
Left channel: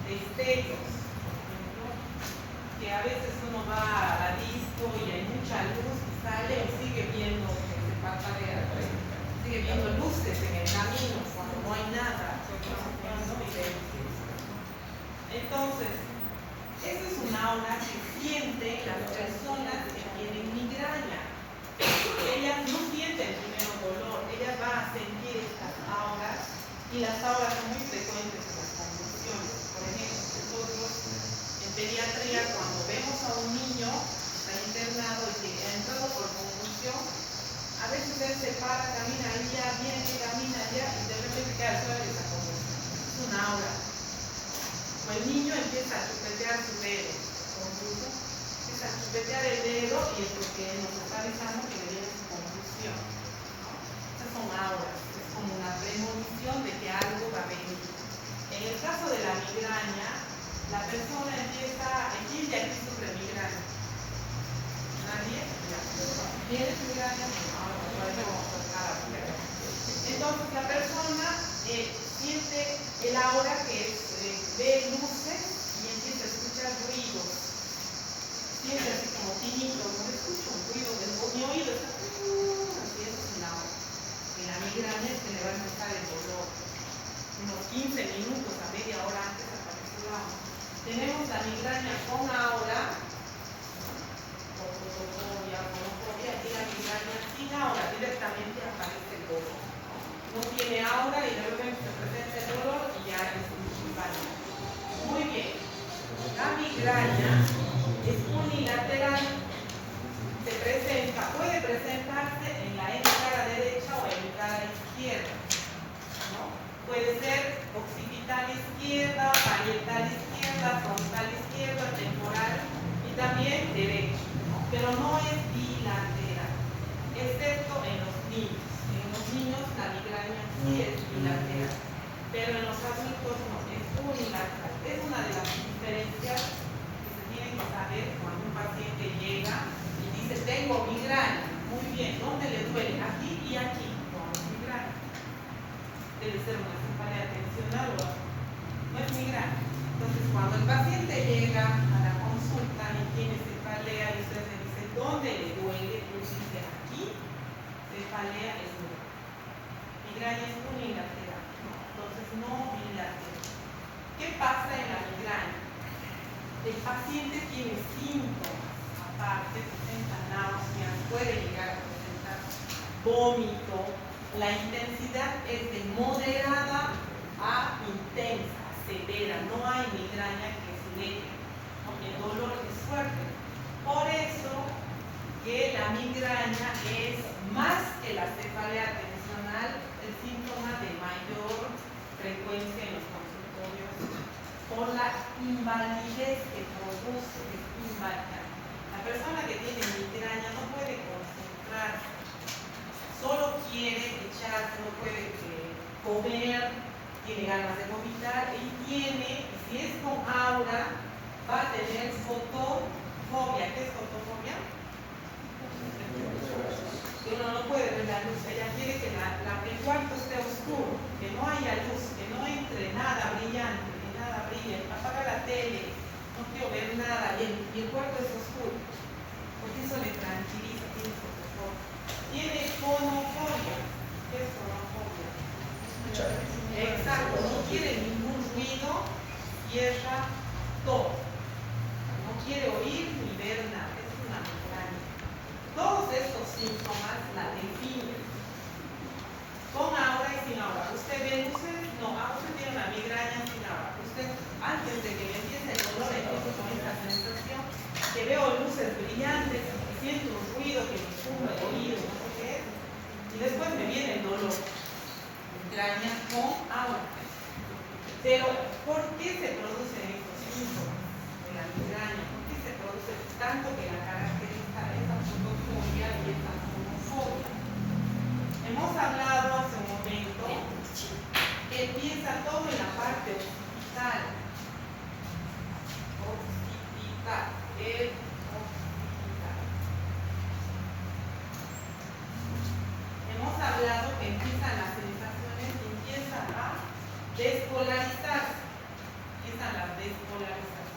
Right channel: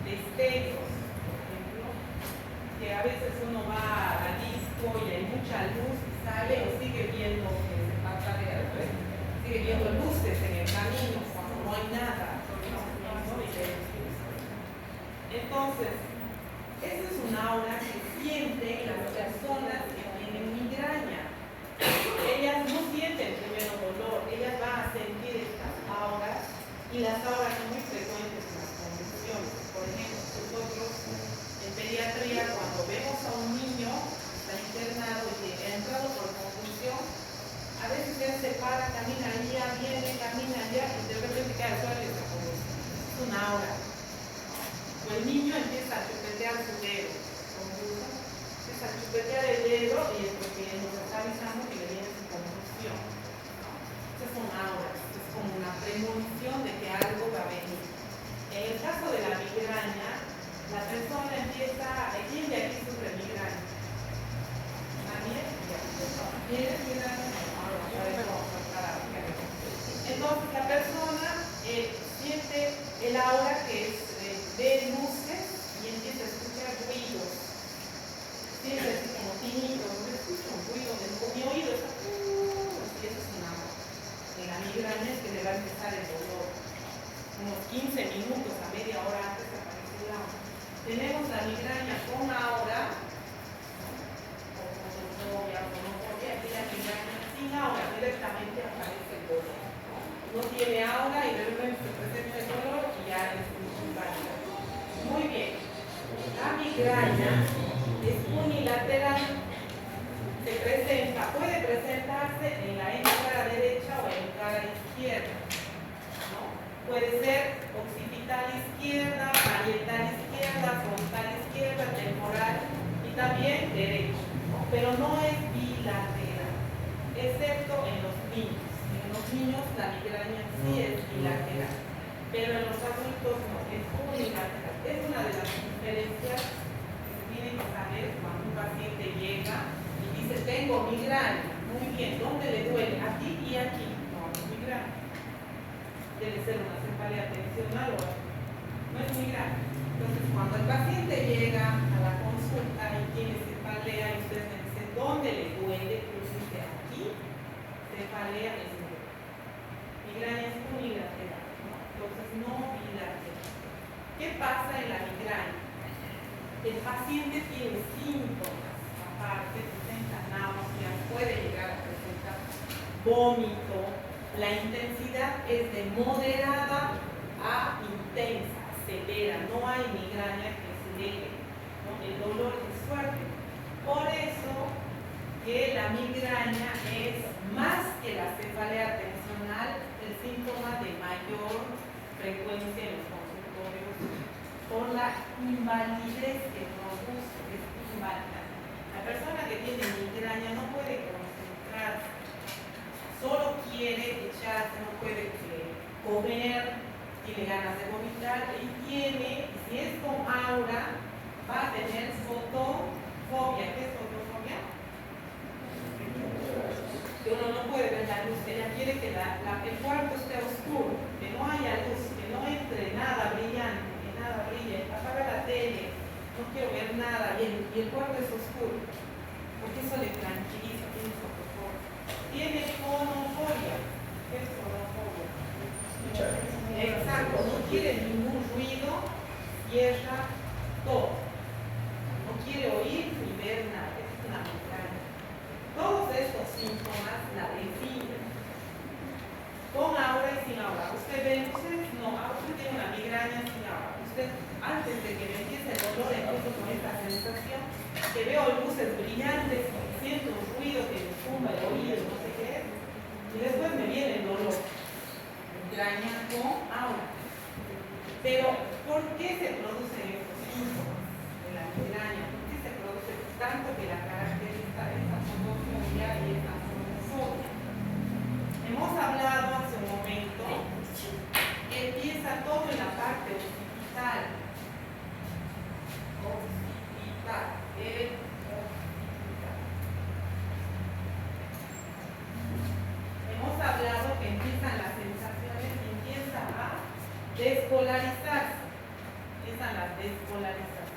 destellos, por ejemplo, que a veces uno va a la disco y hay mucha luz y sale y sigue viendo que se parpadea, ¿ves? Sigue viendo luces en el camino cuando no hay nada. Entonces, eso es un aura que sienten las personas que tienen migraña. Ellas no sienten primero dolor, ellas van a sentir estas auras y las auras son muy frecuentes en las convulsiones. Por ejemplo, nosotros en pediatría, cuando vemos a un niño que está internado y que ha entrado por convulsión, a veces él se para, camina allá, viene, camina allá y de repente queda suave esa convulsión. Es una aura. O el niño empieza a chupetear su dedo, convulso, empieza a chupetear el dedo y es porque nos está avisando que le viene su convulsión, ¿no? Estas son auras, es como una premonición de que algo va a venir. En el caso de la migraña, la persona empieza, ¿quién de aquí sufre migraña? ¿Nadie? ¿Tienes migraña? Entonces la persona siente el aura que es ve luces y empieza a escuchar ruidos. Siente así como tinitos, no escucho un ruido, mi oído está así, eso es una aura. En la migraña es que le va a empezar el dolor. Unos 15 minutos a media hora antes aparece la aura. Tenemos la migraña con aura, o fotofobia, aquí la migraña sin aura, directamente aparece el dolor. No tiene aura y de repente se presenta el dolor y ya es inválido. Muy bien, la migraña es unilateral, puede presentarse en la cara derecha o en la cara izquierda, ¿no? Puede ser occipital y izquierda, frontal izquierda, temporal y también derecho, ¿no? Pero no es bilateral, excepto en los niños. En los niños la migraña sí es bilateral, pero en los adultos no, es unilateral. Es una de las diferencias que se tienen que saber cuando un paciente llega y dice, tengo migraña. Muy bien, ¿dónde le duele? Aquí y aquí. No, es migraña. Debe ser una cefalea tensional o no es migraña. Entonces, cuando el paciente llega a la consulta y tiene cefalea y usted le dice, ¿dónde le duele? Pues dice, aquí, cefalea es migraña. Migraña es unilateral, ¿no? Entonces no bilateral. ¿Qué pasa en la migraña? El paciente tiene síntomas, aparte presenta náuseas, puede llegar a presentar vómito. La intensidad es de moderada a intensa, severa. No hay migraña que se deje, ¿no? El dolor es fuerte. Por eso que la migraña es más que la cefalea tensional el síntoma de mayor frecuencia en los consultorios por la invalidez que produce, es inválida. La persona que tiene migraña no puede concentrarse, solo quiere echarse, no puede comer, tiene ganas de vomitar y tiene, si es con aura, va a tener fotofobia. ¿Qué es fotofobia? Uno no puede ver la luz, ella quiere que el cuarto esté oscuro, que no haya luz, que no entre nada brillante, que nada brille, apaga la tele, no quiero ver nada y el cuarto es oscuro, porque eso le tranquiliza, tiene fotofobia. Tiene fonofobia. ¿Qué es fonofobia? Exacto, no quiere ningún ruido, cierra todo, no quiere oír ni ver nada, es una migraña. Todos estos síntomas la definen con aura y sin aura. Usted ve luces, no, usted tiene una migraña sin aura. Usted, antes de que le empiece el dolor, empiezo con esta sensación que veo luces brillantes, siento un ruido que me tumba el oído, no sé qué es, y después me viene el dolor. Migraña con aura. Pero, ¿por qué se producen estos síntomas de la migraña? ¿Por qué se produce tanto que la caracteriza esa fotofobia y esa fonofobia? Hemos hablado hace un momento que empieza todo en la parte occipital. Occipital. Hemos hablado que empiezan las sensaciones, empiezan a despolarizarse. Empiezan las despolarizaciones.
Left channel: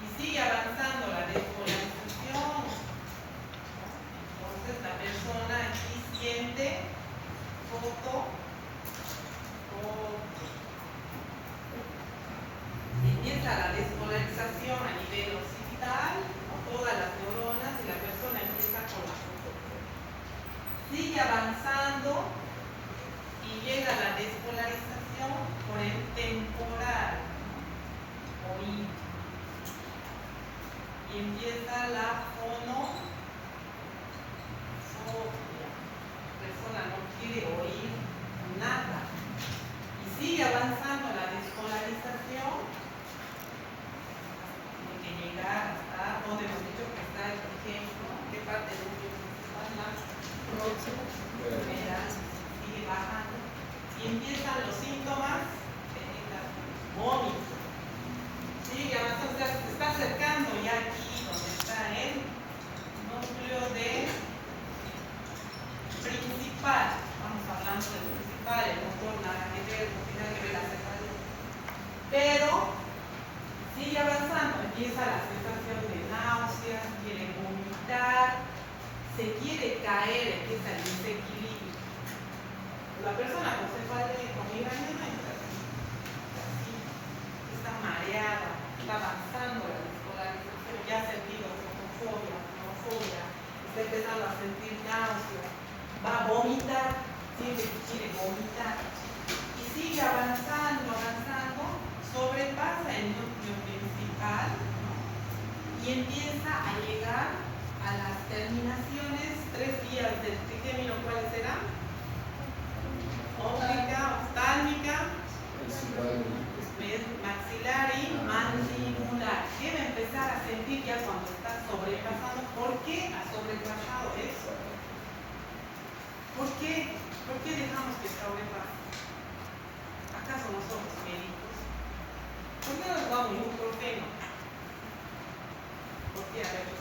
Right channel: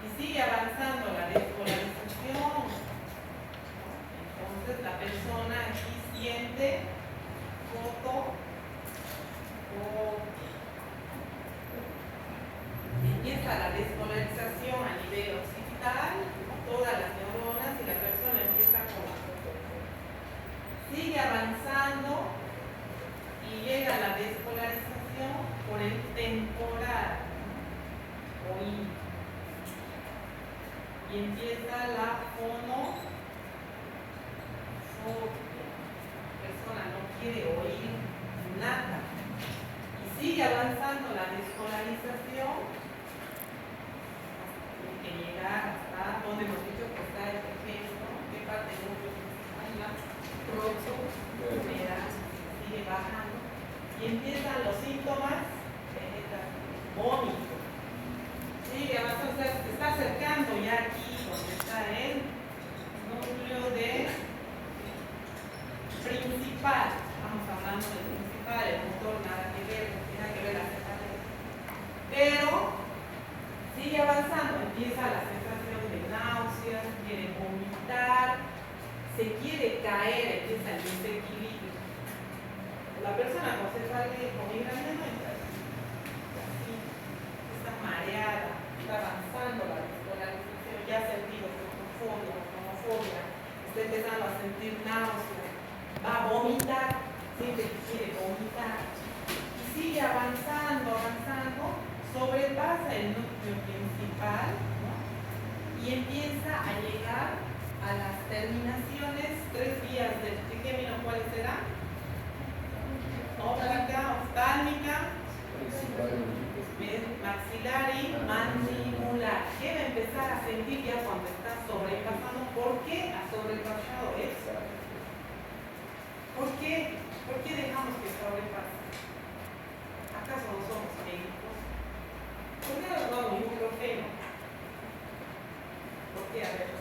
Y sigue avanzando la despolarización. Entonces la persona aquí siente y empieza la despolarización a nivel occipital, con todas las neuronas, y la persona empieza con la fotofobia. Sigue avanzando y llega a la despolarización por el temporal, oído. Y empieza la fonofobia. La persona no quiere oír nada. Y sigue avanzando la despolarización. Tiene que llegar hasta donde hemos dicho que está el ejemplo, qué parte del núcleo principal, la rojo, primera, sigue bajando. Y empiezan los síntomas, vómito. Sigue avanzando, se está acercando ya aquí, donde está el núcleo de principal. Estamos hablando del principal, el motor nada que ver, no tiene que ver la cefalea. Pero sigue avanzando, empieza la sensación de náuseas, quiere vomitar, se quiere caer, empieza el desequilibrio. La persona con cefalea, con migraña no entra así, está mareada, está avanzando la despolarización, ya ha sentido fotofobia, fonofobia, está empezando a sentir náuseas, va a vomitar, siente que quiere vomitar, y sigue avanzando, sobrepasa el núcleo principal, ¿no? Y empieza a llegar a las terminaciones, 3 vías del trigémino. ¿Cuáles serán? Óptica, oftálmica, maxilar y mandíbula. ¿Por qué dejamos que sobrepase? ¿Acaso no somos médicos? ¿Por qué nos da un ibuprofeno? ¿Por qué? A ver,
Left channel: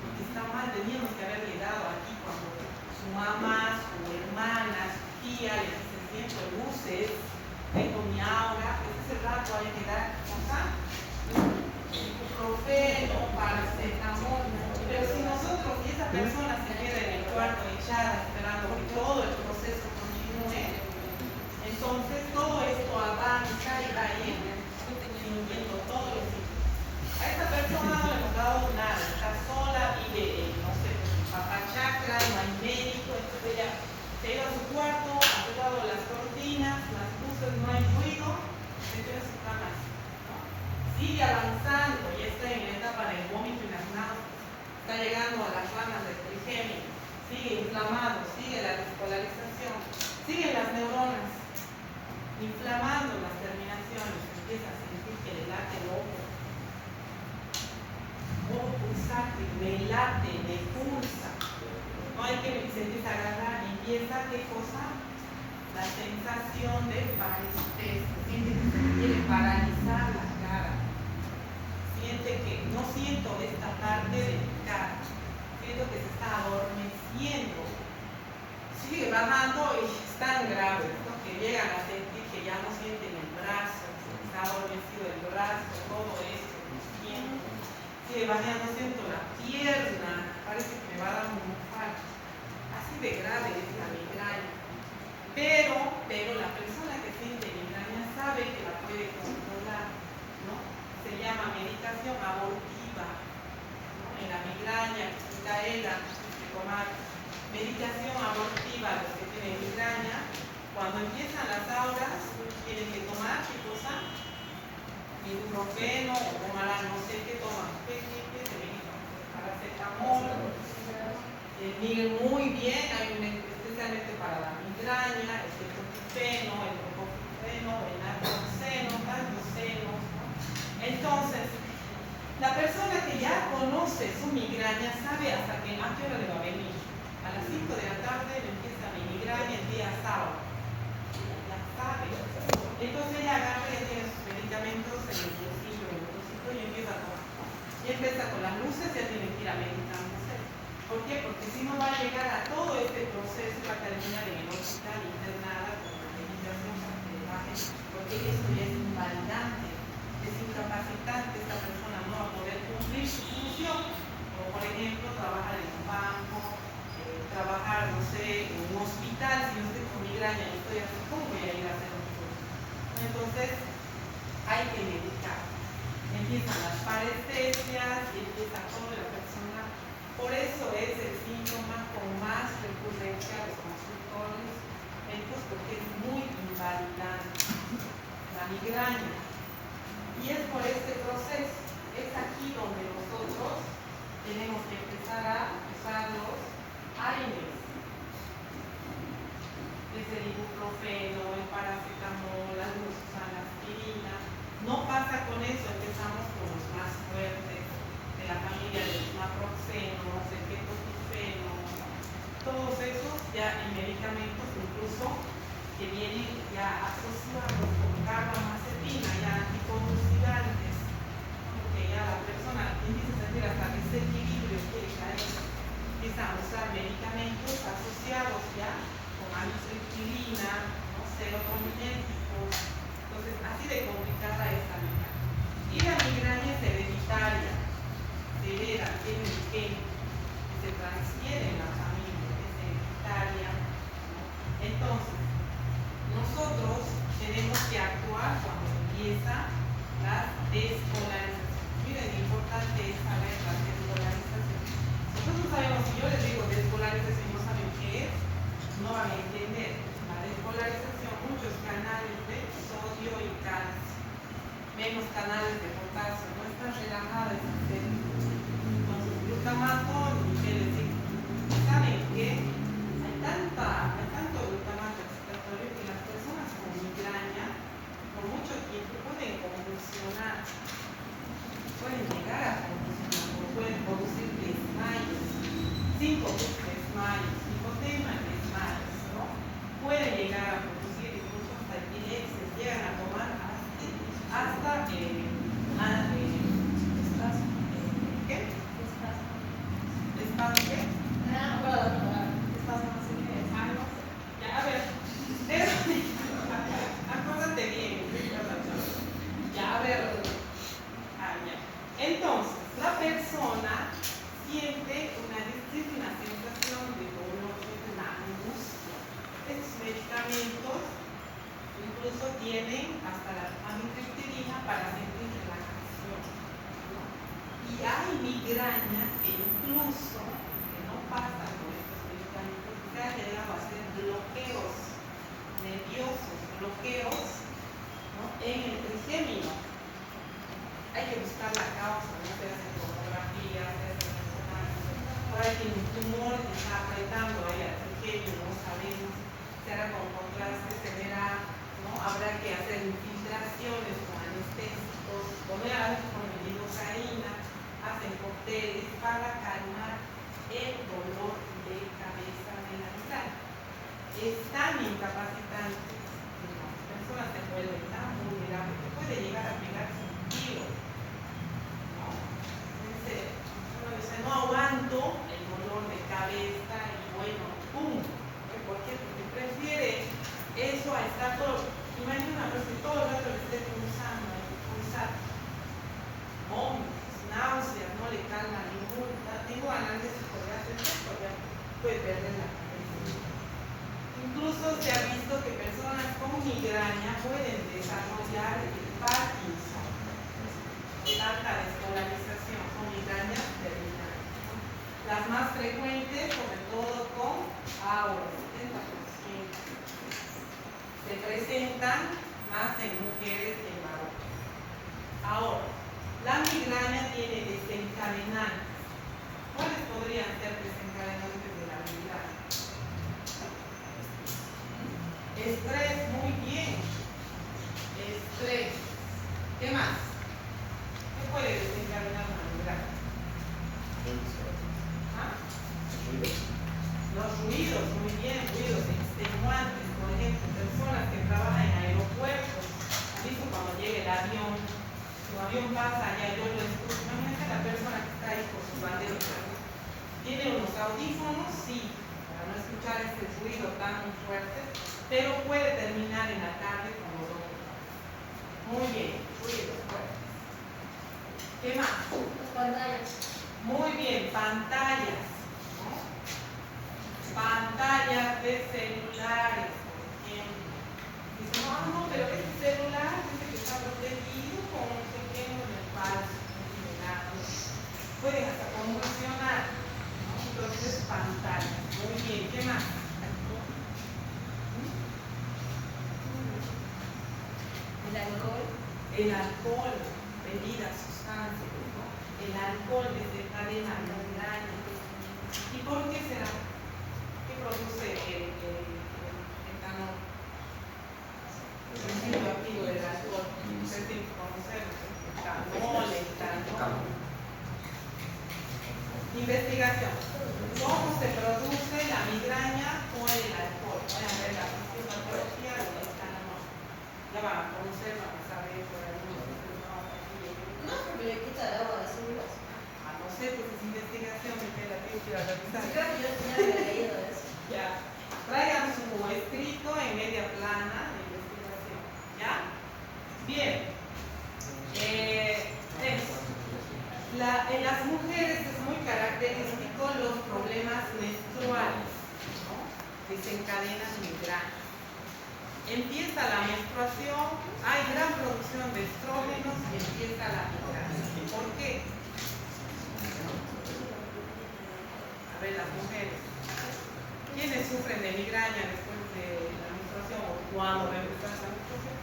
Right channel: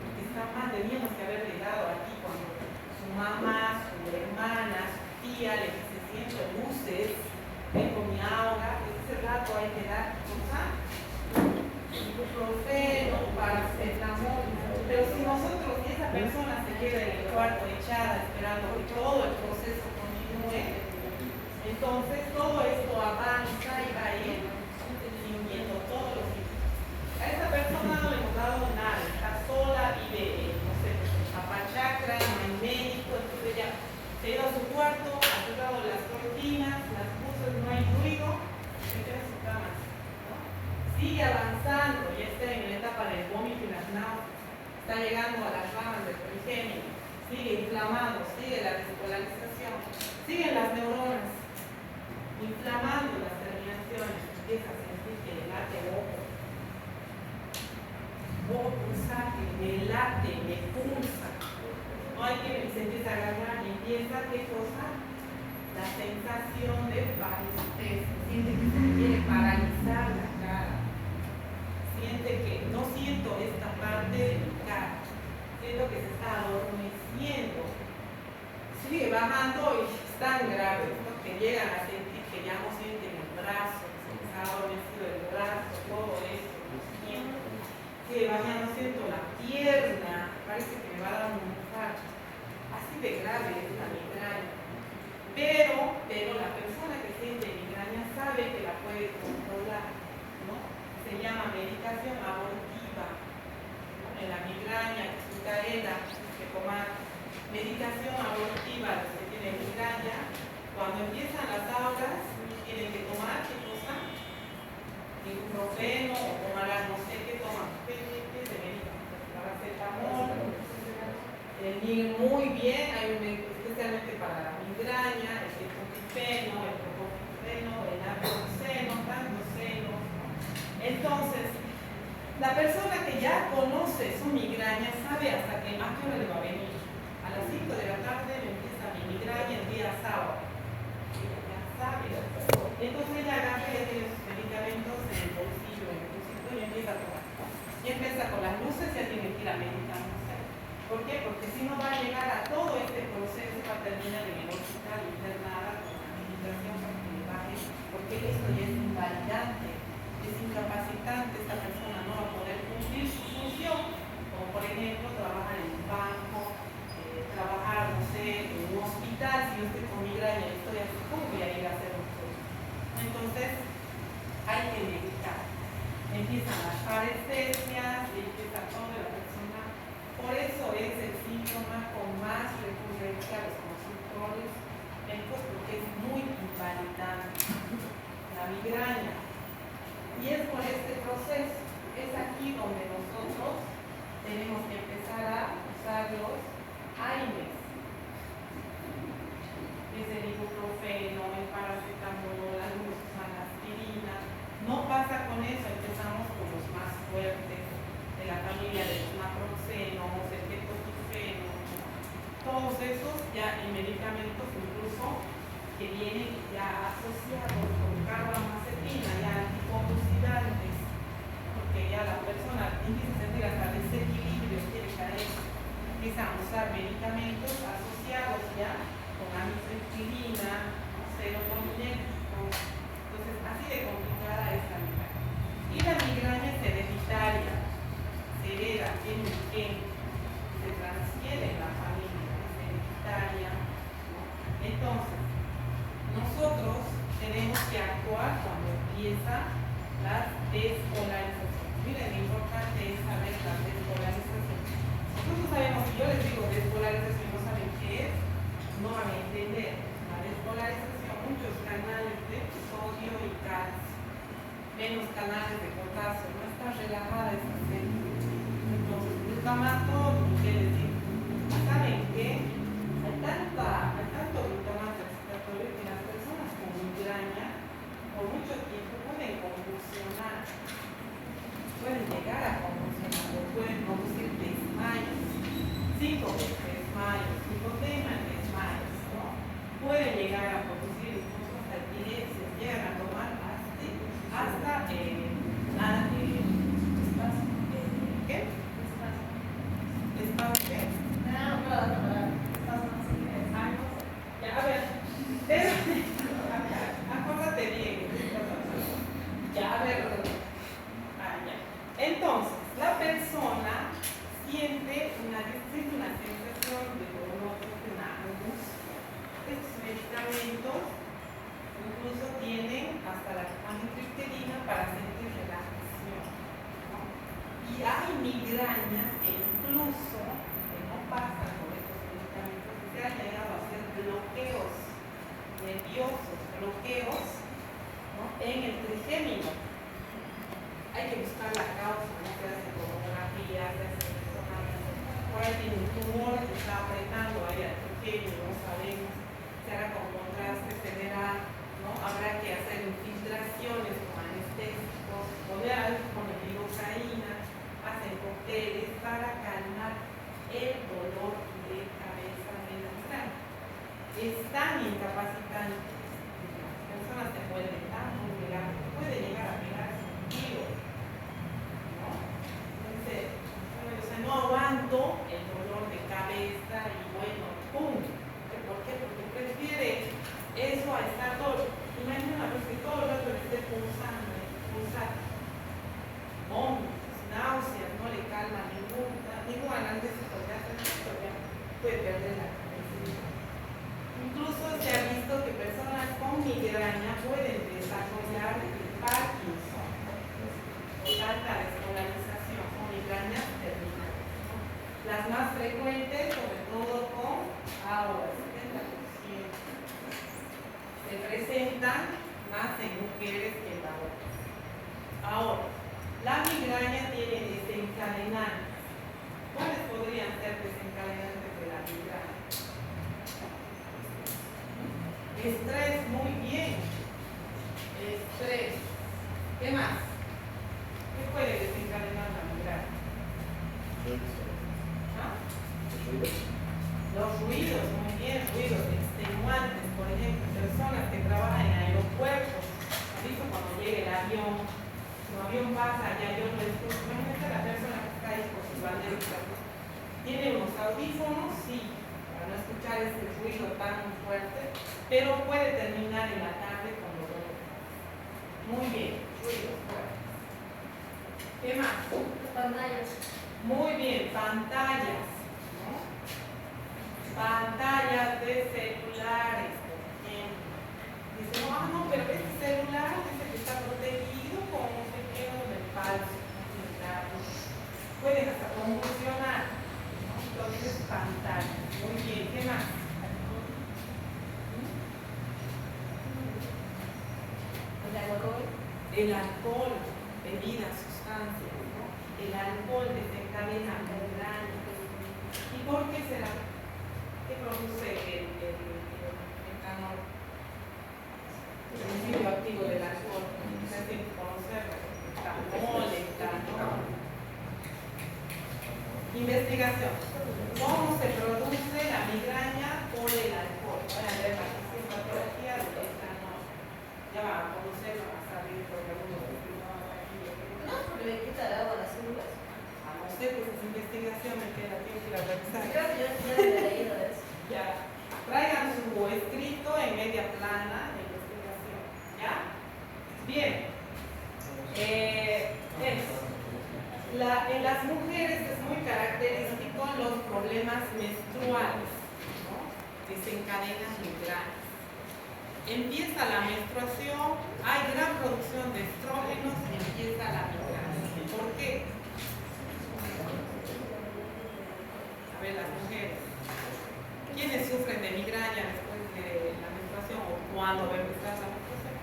porque está mal, teníamos que haber llegado aquí cuando su mamá, su hermana, su tía le dice siento luces, tengo mi aura, ese rato hay que dar cosas, ibuprofeno, paracetamol, pero si nosotros y esa persona se queda en el cuarto echada esperando que todo el proceso continúe, entonces todo esto avanza y va a ir sintiendo todos los síntomas. A esta persona no le hemos dado nada, está sola, vive, no sé, pues, en papachacra, no hay médico, entonces ella se iba a su cuarto, ha cerrado las cortinas, las luces, no hay ruido, se queda en su cama, ¿no? Sigue avanzando, ya está en la etapa del vómito y las náuseas, está llegando a las ramas del trigémino, sigue inflamado, sigue la despolarización, siguen las neuronas, inflamando las terminaciones, empieza a sentir que le late el ojo pulsante, le late, le pulsa, no hay que se empieza a agarrar y empieza, ¿qué cosa? La sensación de parestesia, siente que se quiere paralizar la cara, siente que no siento esta parte de mi cara, siento que se está adormeciendo, sigue bajando y es tan grave, ¿no? Que llegan a sentir que ya no sienten el brazo, se les ha adormecido el brazo, todo esto, los tiempos, sigue bajando, siento la pierna, parece que me va a dar un infarto, así de grave es la migraña, pero la persona que siente migraña sabe que la puede controlar, ¿no? Se llama medicación abortiva, ¿no? En la migraña, cadena, de tomar medicación abortiva, los que tienen migraña, cuando empiezan las auras, tienen que tomar, ¿qué cosa? Ibuprofeno, o tomarán, no sé qué toman, ¿qué se medica? Paracetamol, miren muy bien, hay un especialmente para la migraña, el ketoprofeno, el propofeno, el naproxeno, androceno. Entonces, la persona que ya conoce su migraña sabe hasta que a qué hora le va a venir. A las 5 de la tarde le empieza mi migraña el día sábado. Ella ya sabe. Entonces ella agarra y tiene sus medicamentos en el bolsillo, y empieza a tomar. Y empieza con las luces, ya tiene que ir a meditar. ¿Por qué? Porque si no va a llegar a todo este proceso, va a terminar en el hospital internada con la medicación para que le baje, porque esto ya es invalidante, es incapacitante, esta persona no va a poder cumplir su función, como por ejemplo trabajar en un banco, trabajar, no sé, en un hospital, si yo estoy con migraña y estoy así, ¿cómo voy a ir a hacer un curso? Entonces, hay que medicar. Empiezan las parestesias y empieza toda la persona. Por eso es el síntoma con más recurrencia a los consultorios médicos, porque es muy invalidante la migraña. Y es por este proceso, es aquí donde nosotros tenemos que empezar a usar los AINES, que es el ibuprofeno, el paracetamol, algunos usan la aspirina. No pasa con eso, empezamos con los más fuertes de la familia de los naproxenos, el ketoprofeno, todos esos ya en medicamentos incluso que vienen ya asociados con carbamacetina, ya anticonvulsivantes, porque ya la persona empieza a sentir hasta desequilibrio, quiere caer, empiezan a usar medicamentos asociados ya con amitriptilina, serotoninérgicos. Entonces, así de complicada es la migraña. Y la migraña es hereditaria, se hereda, tiene un gen, se transfiere en la familia, es hereditaria. Entonces, nosotros tenemos que actuar cuando empieza la despolarización. Miren, lo importante es saber la despolarización. Nosotros sabemos, si yo les digo despolarización y no saben qué es, no van a entender. La despolarización, muchos canales de sodio y calcio, menos canales de potasio, no está relajada esa célula. Entonces, glutamato, ¿qué les digo? ¿Saben qué? Hay tanto glutamato excitatorio que las personas con migraña por mucho tiempo pueden convulsionar, pueden llegar a convulsionar o pueden producir desmayos, 5 desmayos, hipotema, desmayos. eso tienen hasta la amitriptilina para sentir relajación, ¿no? Y hay migrañas que incluso que no pasan con estos medicamentos, que han llegado a ser bloqueos nerviosos, bloqueos, ¿no? En el trigémino. Hay que buscar la causa, no se hace tomografía, se hace resonancia. Ahora tiene un tumor que está apretando ahí al trigémino, no sabemos. Se hará con contraste, se verá, ¿no? Habrá que hacer infiltraciones con anestésicos, poner algo con lidocaína, hacen cócteles para calmar el dolor de cabeza de la migraña. Es tan incapacitante que las personas se vuelven tan vulnerables que puede llegar a pegarse un tiro, ¿no? Entonces, uno dice, no aguanto el dolor de cabeza y bueno, ¡pum! ¿Por qué? Porque prefiere eso a estar todo. Imagina que todo el rato le esté pulsando, vómitos, náuseas, no le calma ningún analgésico de hacer esto, ya puede perder la cabeza. Incluso se ha visto que personas con migraña pueden desarrollar el Parkinson, falta de escolarización, son migrañas terminales. Las más frecuentes, sobre todo con ahora, 70%, se presentan más en mujeres que en varones. Ahora, la migraña tiene desencadenantes. ¿Cuáles podrían ser desencadenantes de la migraña? Estrés, muy bien. Estrés. ¿Qué más? ¿Qué puede desencadenar la migraña? ¿Ah? Los ruidos, muy bien, ruidos extenuantes, por ejemplo, personas que trabajan en aeropuertos, ¿han visto cuando llega el avión? El avión pasa allá y yo lo escucho. Imagínate la persona que está ahí con sus banderas. ¿Tiene unos audífonos? Sí, para no escuchar ese ruido tan fuerte, pero puede terminar en la tarde con los ojos. Muy bien, ruidos fuertes. ¿Qué más? Pantallas. Muy bien, pantallas. Pantallas de celulares, por ejemplo. Dicen, no, pero este celular dice que está protegido con no sé qué, no es falso, no tiene nada. Pueden hasta convulsionar, ¿no? Entonces, pantallas. Muy bien, ¿qué más? El alcohol, bebidas, sustancias, ¿no? El alcohol desencadena migraña. ¿Y por qué será? ¿Qué produce el etanol? El principio activo del alcohol. Ustedes tienen que conocerlo. Etanol, etanol. Investigación. ¿Cómo se produce la migraña por el alcohol? Van a ver la sintomatología del etanol. Ya van a conocerlo, van a saber por algunos estudios aquí. No, porque le quita el agua a las células. No sé, pues es investigación, me queda tiempo que ir a revisar. Creo que yo ya he leído eso. Ya, traigan su escrito en media plana de investigación. ¿Ya? Bien. En las mujeres es muy característico los problemas menstruales, ¿no? Desencadenan migrañas. Empieza la menstruación, hay gran producción de estrógenos, empieza la migraña. ¿Por qué? A ver, las mujeres. ¿Quiénes sufren de migraña después de la menstruación o cuando va a empezar la menstruación?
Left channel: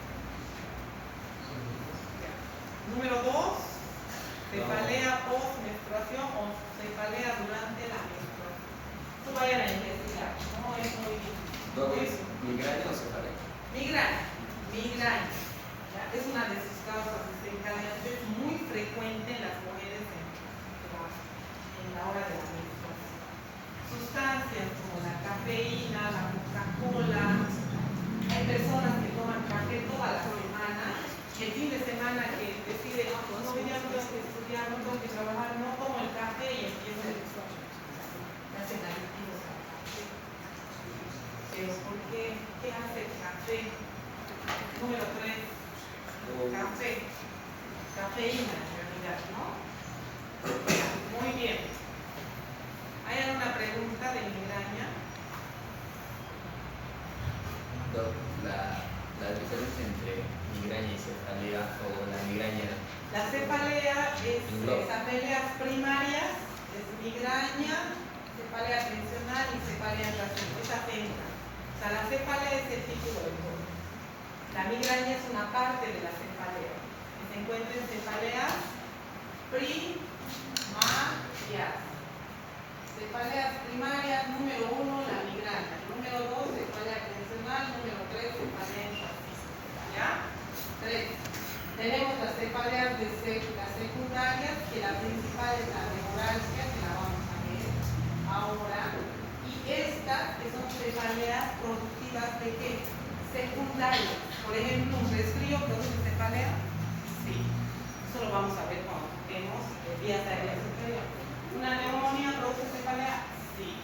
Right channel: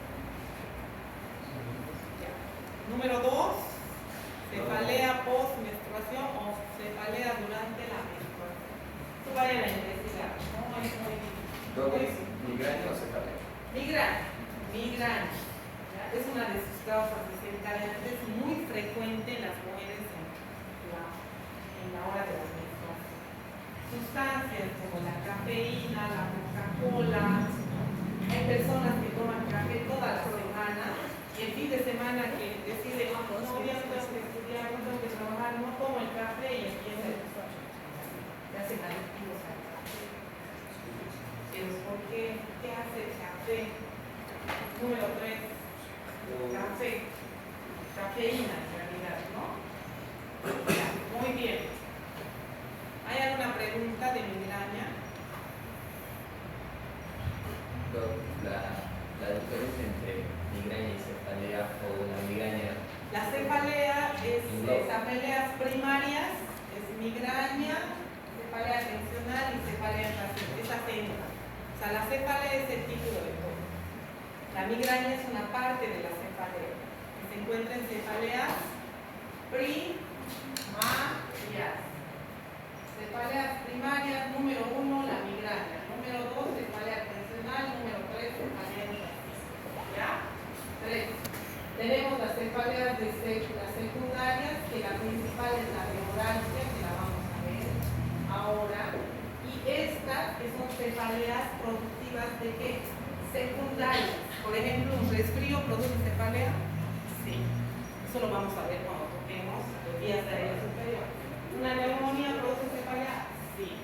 Ya. Número 2, cefalea post-menstruación o cefalea durante la menstruación. Esto vayan a investigar, ¿no? Es muy... ¿Migraña o cefalea? Migraña. ¿Ya? Es una de sus causas desencadenantes muy frecuente en las mujeres en la hora de la menstruación. Sustancias como la cafeína, la Coca-Cola. Hay personas que toman café toda la semana y el fin de semana que deciden, no, ya no tengo que estudiar, no tengo que trabajar, no tomo el café y empieza el ya hacen adictivos al café. Pero ¿por qué? ¿Qué hace el café? Número 3. Café. Cafeína en realidad, ¿no? Muy bien. ¿Hay alguna pregunta de migraña? La diferencia entre cefalea o la migraña? La cefalea es cefaleas primarias, es migraña, cefalea tensional y cefalea irracional. Esa técnica. O sea, la cefalea es el título del todo. La migraña es una parte de la cefalea. Se encuentra en cefaleas primarias. Cefaleas primarias, número 1, la migraña. Número 2, cefalea tensional. Número 3, cefalea irracional. ¿Ya? 3. Tenemos las cefaleas de las secundarias, que la principal es la neuralgia, que la vamos a ver ahora. Y estas, que son cefaleas productivas de qué? Secundarias. Por ejemplo, un resfrío produce cefalea. Sí. Eso lo vamos a ver cuando toquemos los vías aéreas inferiores. ¿Una neumonía produce cefalea? Sí.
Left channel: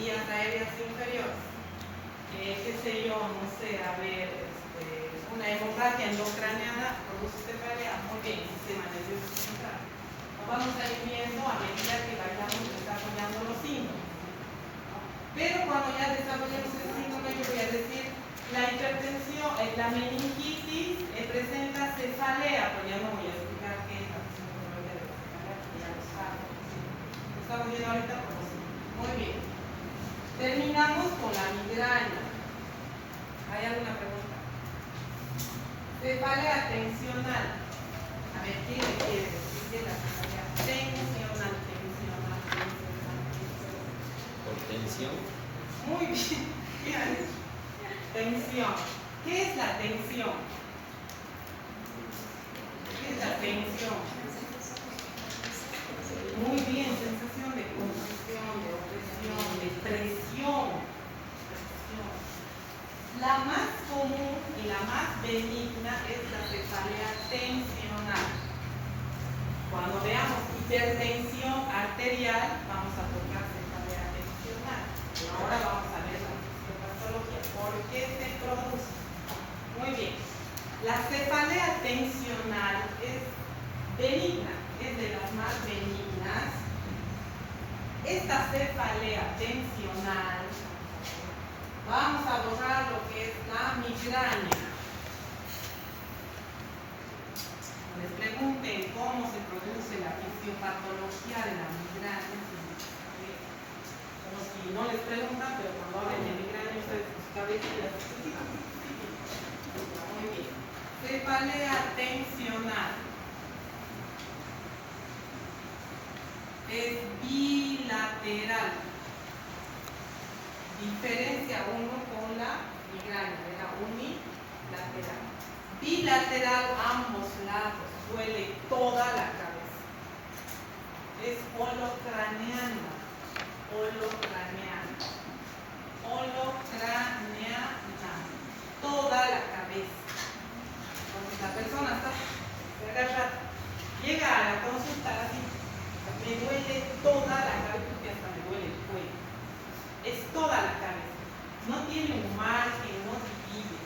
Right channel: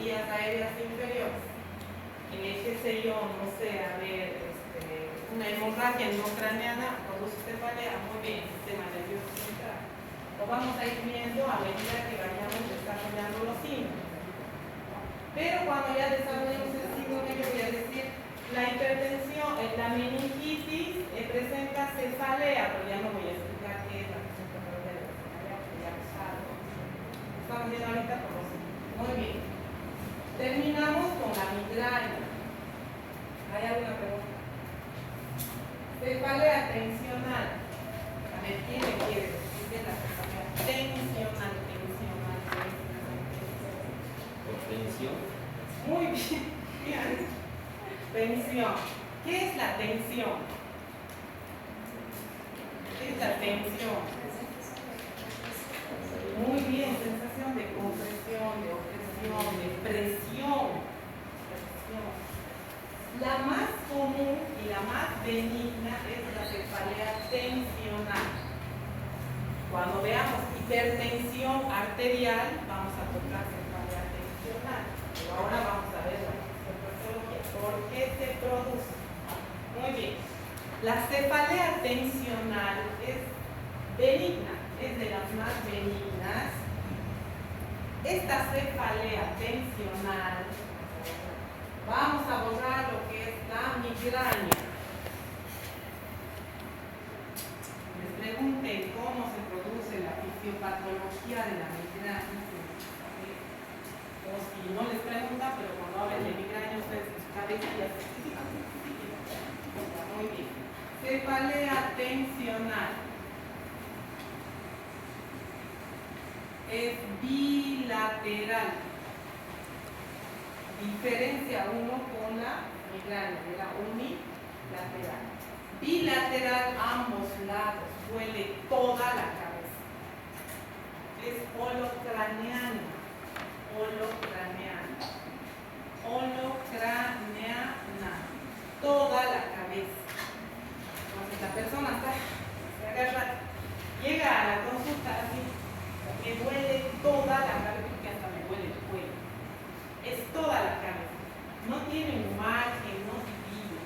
Vías aéreas inferiores. Qué sé yo, no sé, a ver, una hemorragia endocraniana produce cefalea. Muy bien, sistema nervioso central. Lo vamos a ir viendo a medida que vayamos desarrollando los síntomas. Pero cuando ya desarrollemos el síndrome, yo voy a decir, la hipertensión, la meningitis presenta cefalea, pero ya no voy a explicar qué es la fisiopatología de la cefalea, porque ya lo saben. Lo estamos viendo ahorita por los síntomas. Muy bien. Terminamos con la migraña. ¿Hay alguna pregunta? Cefalea tensional. A ver, ¿qué le quiere decir de la cefalea tensional? ¿Por tensión? Muy bien. Tensión. ¿Qué es la tensión? ¿Qué es la tensión? Muy bien, sensación de compresión, de opresión, de presión. La más común y la más benigna es la cefalea tensional. Cuando veamos hipertensión arterial, vamos a tocar cefalea tensional. Pero ahora vamos a ver la fisiopatología. ¿Por qué se produce? Muy bien. La cefalea tensional es benigna, es de las más benignas. Esta cefalea tensional, vamos a borrar lo que es la migraña. Les pregunten cómo se produce la fisiopatología de la migraña. O si no les preguntan, pero cuando hablen de migraña, ustedes sus cabezas ya se explican. Muy bien. Cefalea tensional es bilateral. Diferencia uno con la migraña, era unilateral. Bilateral, ambos lados, duele toda la cabeza. Es holocraneana. Toda la cabeza. Entonces la persona se agarra, llega a la consulta así, me duele toda la cabeza, porque hasta me duele el cuello. Es toda la cabeza. No tiene un margen, no divide.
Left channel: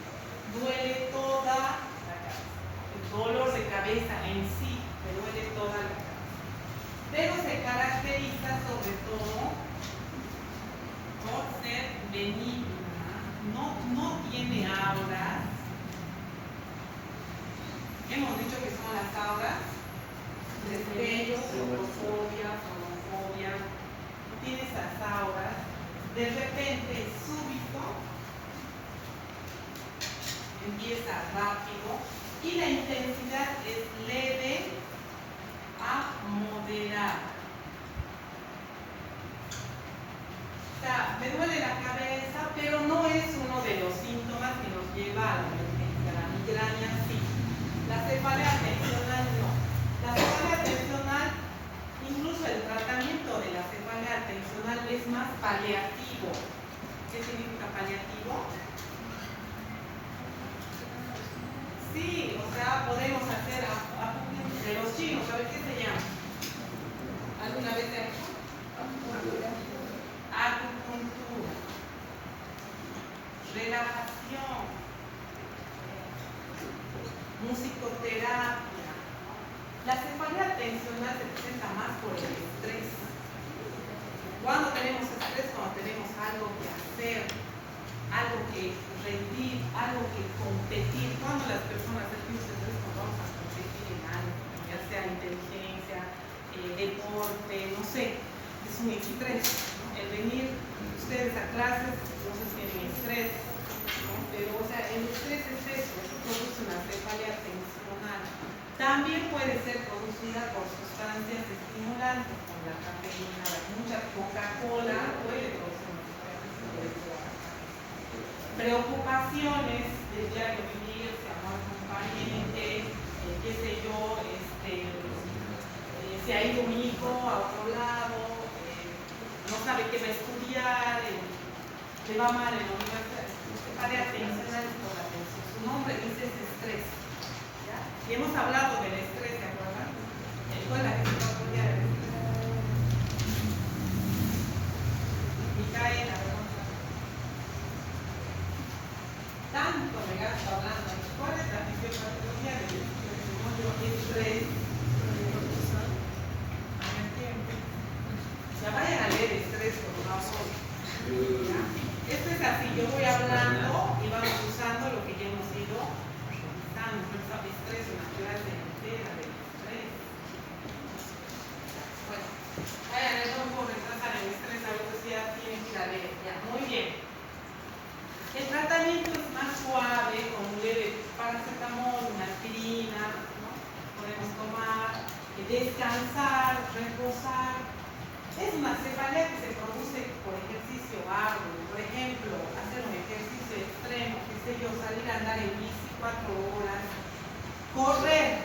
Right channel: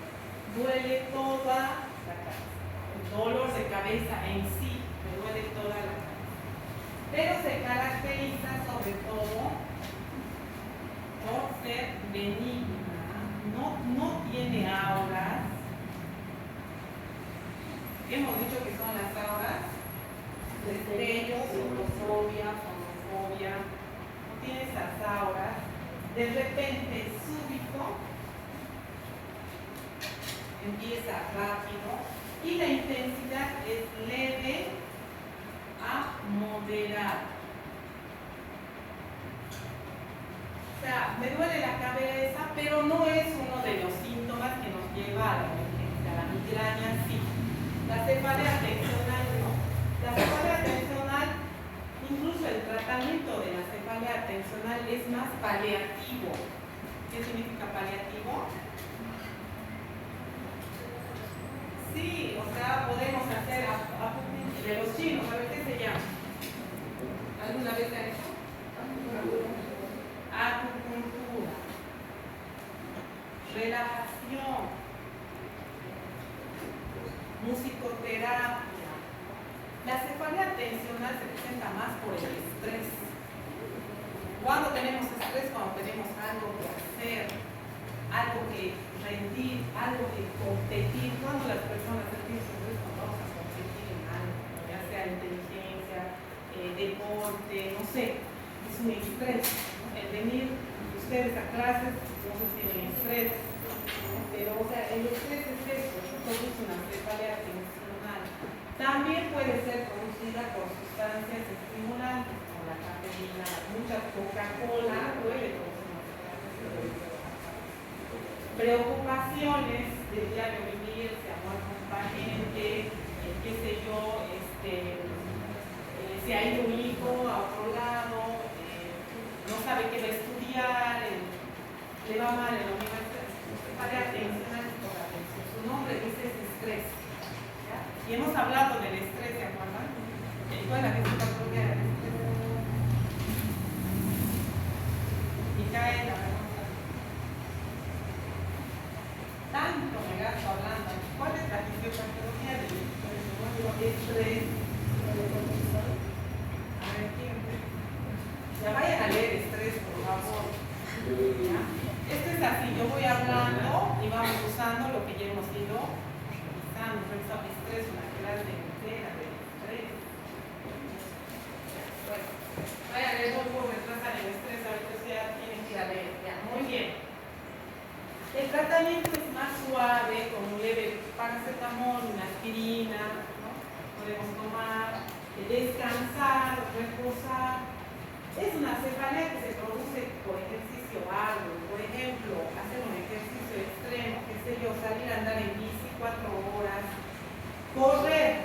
Duele toda la cabeza. El dolor de cabeza en sí me duele toda la cabeza. Pero se caracteriza sobre todo por ser benigna. No tiene auras. Hemos dicho que son las auras: destellos, fotofobia, fonofobia. No tiene esas auras. De repente, súbito, empieza rápido y la intensidad es leve a moderada. O sea, me duele la cabeza, pero no es uno de los síntomas que nos lleva a la emergencia. La migraña sí. La cefalea tensional no. La cefalea tensional, incluso el tratamiento de la cefalea tensional es más paliativo. ¿Qué significa paliativo? Sí, o sea, podemos hacer de los chinos, ¿sabes qué se llama? ¿Alguna vez se ha hecho? Acupuntura, relajación, musicoterapia. La cefalea tensional se presenta más por el estrés. ¿Cuándo tenemos estrés? Cuando tenemos algo que hacer, algo que rendir, algo que competir. Cuando las personas sentimos estrés estrés, ¿no? El venir ustedes a clases, muchos tienen estrés, ¿no? Pero, o sea, el estrés es eso produce una cefalea tensional. También puede ser producida por sustancias estimulantes, como la cafeína, mucha Coca-Cola puede producir una cefalea tensional. Preocupaciones del diario vivir, se ha muerto un pariente, qué sé yo, se ha ido un hijo a otro lado, no sabe qué va a estudiar, le va mal en la universidad, cefalea tensional por la tensión. Su nombre dice es estrés. ¿Ya? Y hemos hablado del estrés, ¿se acuerdan? Bueno, que se controla el estrés. Y cae la pregunta. Tanto me gasto hablando. ¿Cuál es la fisiopatología del estrés? Ya vayan a leer estrés, por favor. ¿Ya? Esto es así, yo voy hablando y vamos usando lo que ya hemos ido revisando. Por eso estrés, una clase entera del estrés. Ya, bueno, vayan a leer cómo retrasan el estrés, ahorita sí ya tienen que ir a leer. Ya, muy bien. El tratamiento es más suave, con un leve paracetamol, una aspirina, ¿no? Podemos tomar, descansar, reposar. Es una cefalea que se produce por ejercicio arduo. Por ejemplo, hacer un ejercicio extremo, qué sé yo, salir a andar en bici 4 horas, correr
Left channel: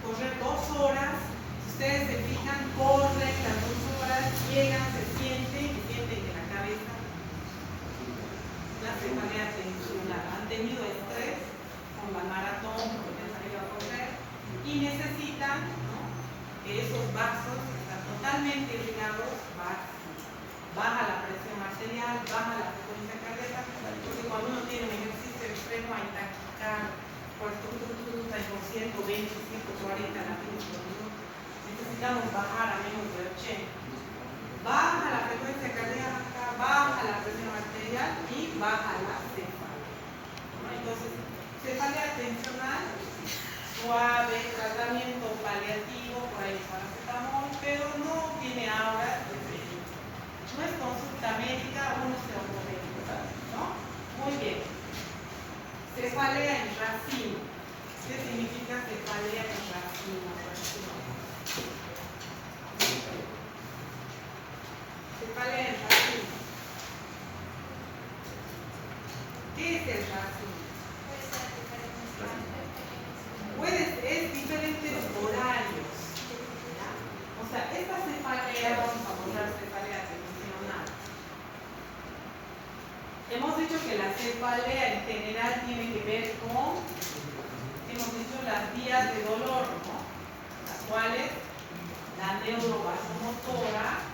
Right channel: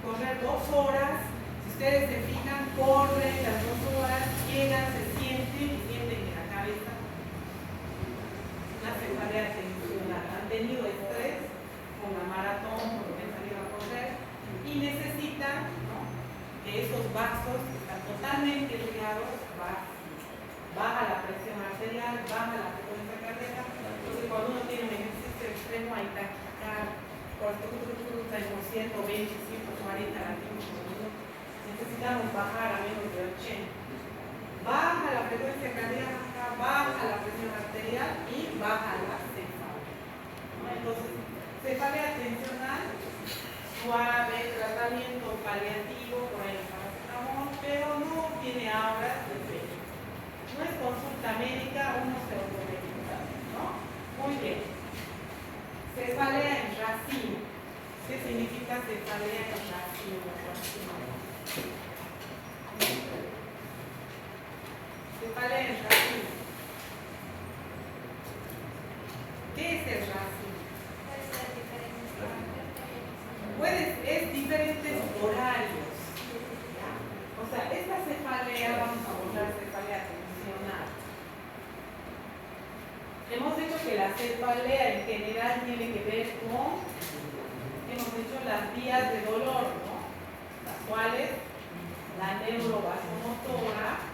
2 horas. Si ustedes se fijan, corren las 2 horas, llegan, se sienten en la cabeza una cefalea tensional. Han tenido estrés con la maratón, con lo que han salido a correr, y necesitan, ¿no?, que esos vasos que están totalmente irrigados baja la presión arterial, baja la frecuencia cardíaca, porque cuando uno tiene un ejercicio extremo hay taquicardia, por está por 120, 140 latidos por minuto. Necesitamos bajar a menos de 80. Baja la frecuencia cardíaca, baja la presión arterial y baja la cefalea, ¿no? Entonces, cefalea tensional, suave, tratamiento paliativo, por ahí paracetamol, pero no tiene auras de peligro. No es consulta médica, uno se lo puede evitar, ¿no? Muy bien. Cefalea en racimo. ¿Qué significa cefalea en racimo? Cefalea en racimo. ¿Qué es el racimo? Es diferentes horarios. ¿Ya? O sea, esta cefalea, vamos a hablar de cefalea tensional. Hemos dicho que la cefalea en general tiene que ver con, hemos dicho, las vías de dolor, ¿no? Las cuales la neurovasomotora,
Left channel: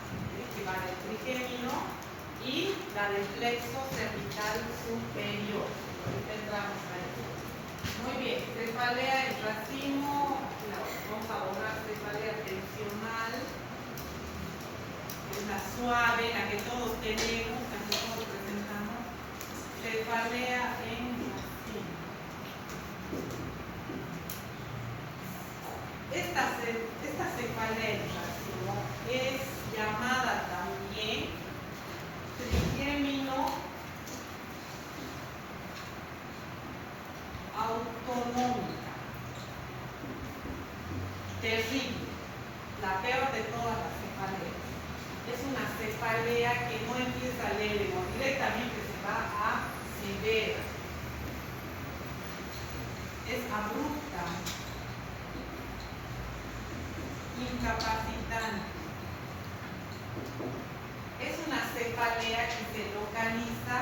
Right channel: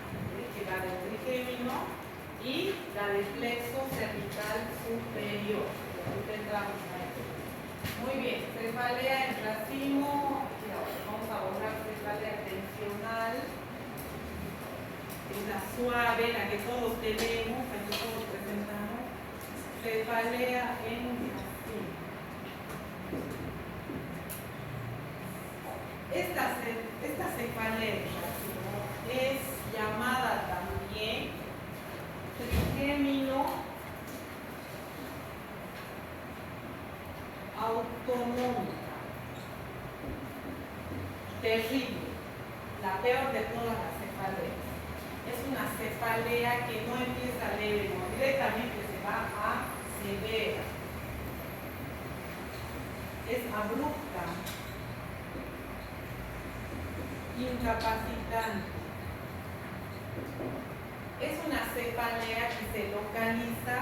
que va del trigémino, y la del plexo cervical superior, lo que tendremos ahí. Muy bien, cefalea en racimo, vamos a borrar cefalea tensional, una suave, la que todos tenemos, la que todos presentamos, cefalea en racimo. Esta cefalea en racimo es llamada también trigémino autonómica. Terrible, la peor de todas las cefaleas. Es una cefalea que no empieza leve, no, directamente se va a severa. Es abrupta, incapacitante. Es una cefalea que se localiza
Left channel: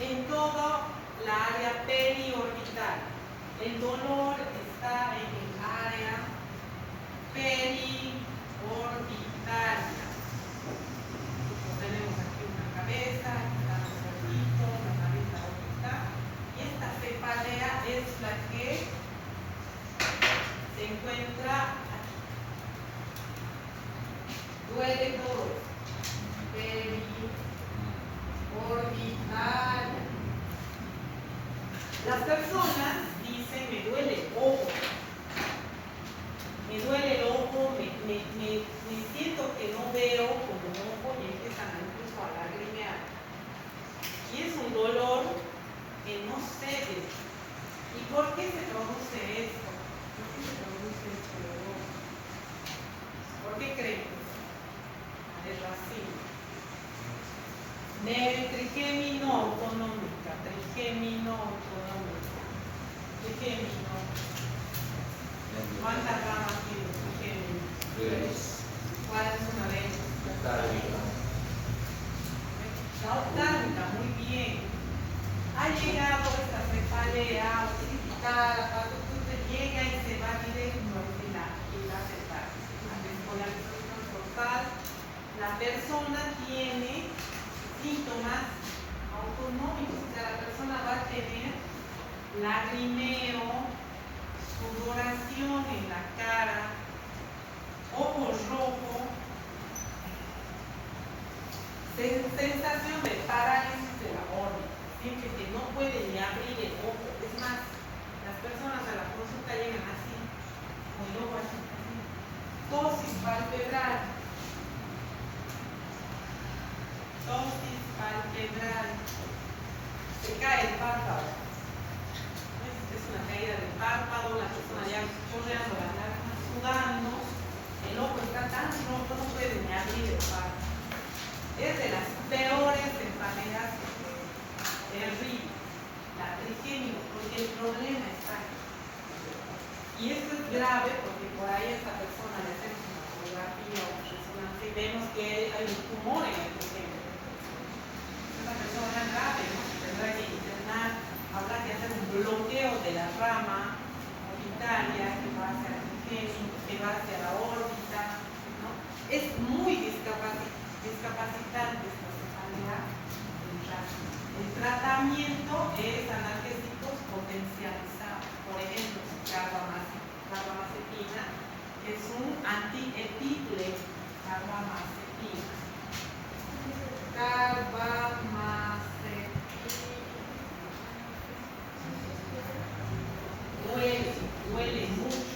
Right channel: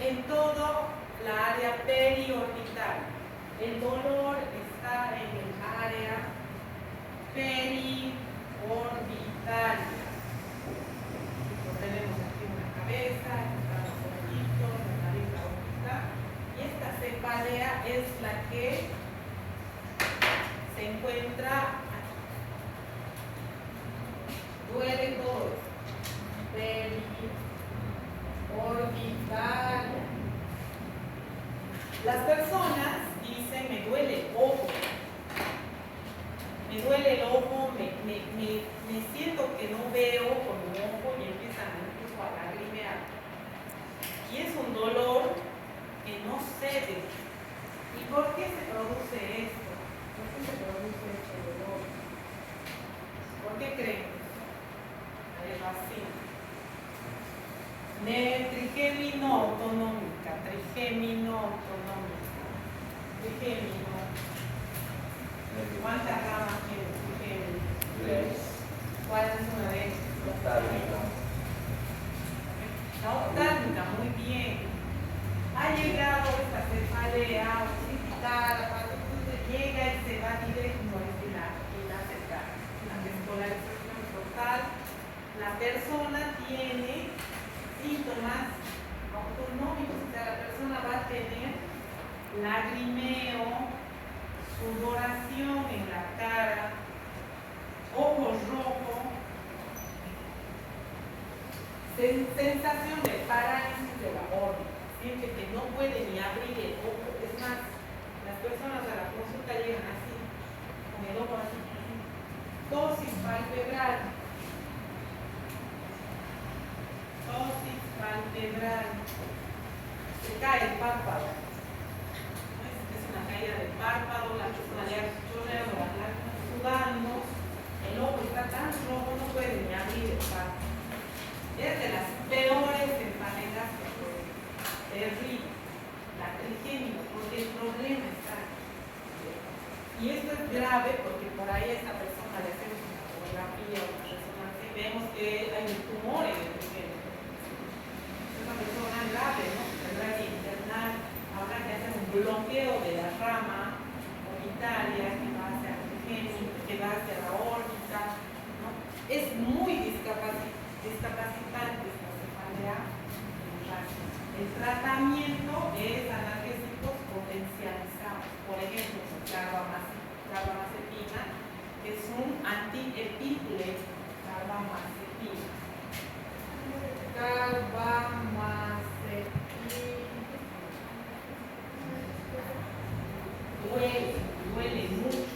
en toda la área periorbital. El dolor está en el área periorbital. Tenemos aquí una cabeza, aquí están los ojitos, la nariz, la boquita. Y esta cefalea es la que se encuentra aquí. Duele todo. Periorbital. Las personas dicen, me duele el ojo, me duele el ojo, me me siento que no veo como ojo y empiezan incluso a lagrimear. Y es un dolor que no cede. ¿Y por qué se produce esto? ¿Por qué se produce este dolor? ¿Por qué creen? El racimo. Trigémino autonómica, trigémino autonómica, trigémino. ¿Cuántas ramas tiene trigémino? ¿Cuál es una de ellas? La octávita, muy bien. Ha llegado esta cefalea occipital, llega y se va directo al final, la despolarización total. La persona tiene síntomas autonómicos, o sea, la persona va a tener lagrimeo, sudoración en la cara, ojo rojo, sensación de parálisis de la órbita, siente que no puede ni abrir el ojo. Es más, las personas a la consulta llegan así, con el ojo así, tosis palpebral, se cae el párpado, es una caída del párpado, la persona ya chorreando las lágrimas, sudando, el ojo está tan rojo, no puede ni abrir el párpado. Es de las peores enfermedades que puede. Terrible. La trigémino, porque el problema está ahí. Y esto es grave porque por ahí a esta persona le hacemos una tomografía o resonancia y vemos que hay un tumor en el trigémino. Esta persona es grave, ¿no? Tendrá que internar, habrá que hacer un bloqueo de la rama orbitaria que va hacia el trigémino, que va hacia la órbita, ¿no? Es muy discapacitante esta cefalea en raza. El tratamiento es analgésicos potencializados, por ejemplo, carbamazepina, que es un antiepíple, carbamazepina. Duele mucho.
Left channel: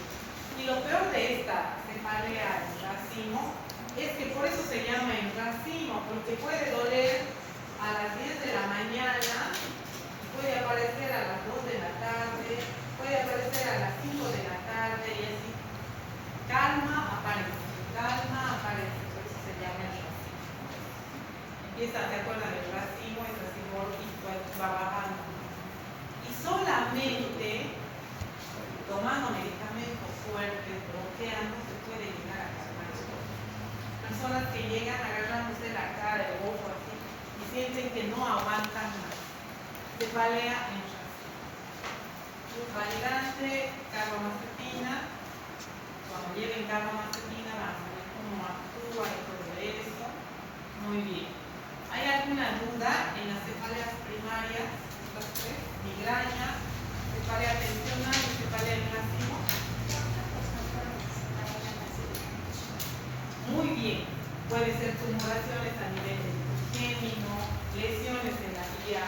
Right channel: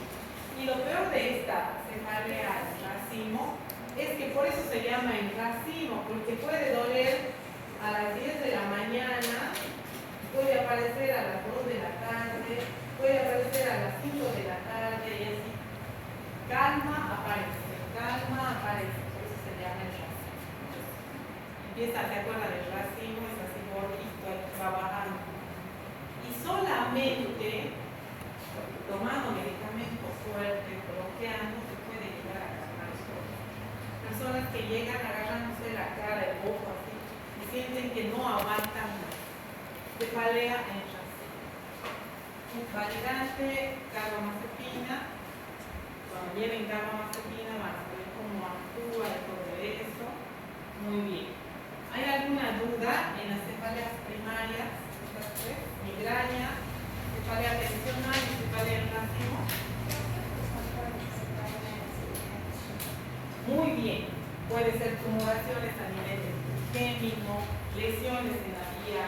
Y lo peor de esta cefalea en racimo es que por eso se llama en racimo, porque puede doler a las 10 de la mañana, puede aparecer a las 2 de la tarde, puede aparecer a las 5 de la tarde y así. Calma aparece, por eso se llama el racimo. Empieza, ¿se acuerdan del racimo? Es así gordito, va bajando. Y solamente tomando medicamentos fuertes, bloqueando, se puede llegar a calmar el dolor. Personas que llegan agarrándose la cara, el ojo así, y sienten que no aguantan más. Cefalea en racimo. Validante, carbamazepina. Cuando lleven carbamazepina, van a ver cómo actúa y todo eso. Muy bien. ¿Hay alguna duda en las cefaleas primarias? Estas tres: migraña, cefalea tensional y cefalea en racimo. Muy bien. Puede ser tumoraciones a nivel trigémino, lesiones en la vía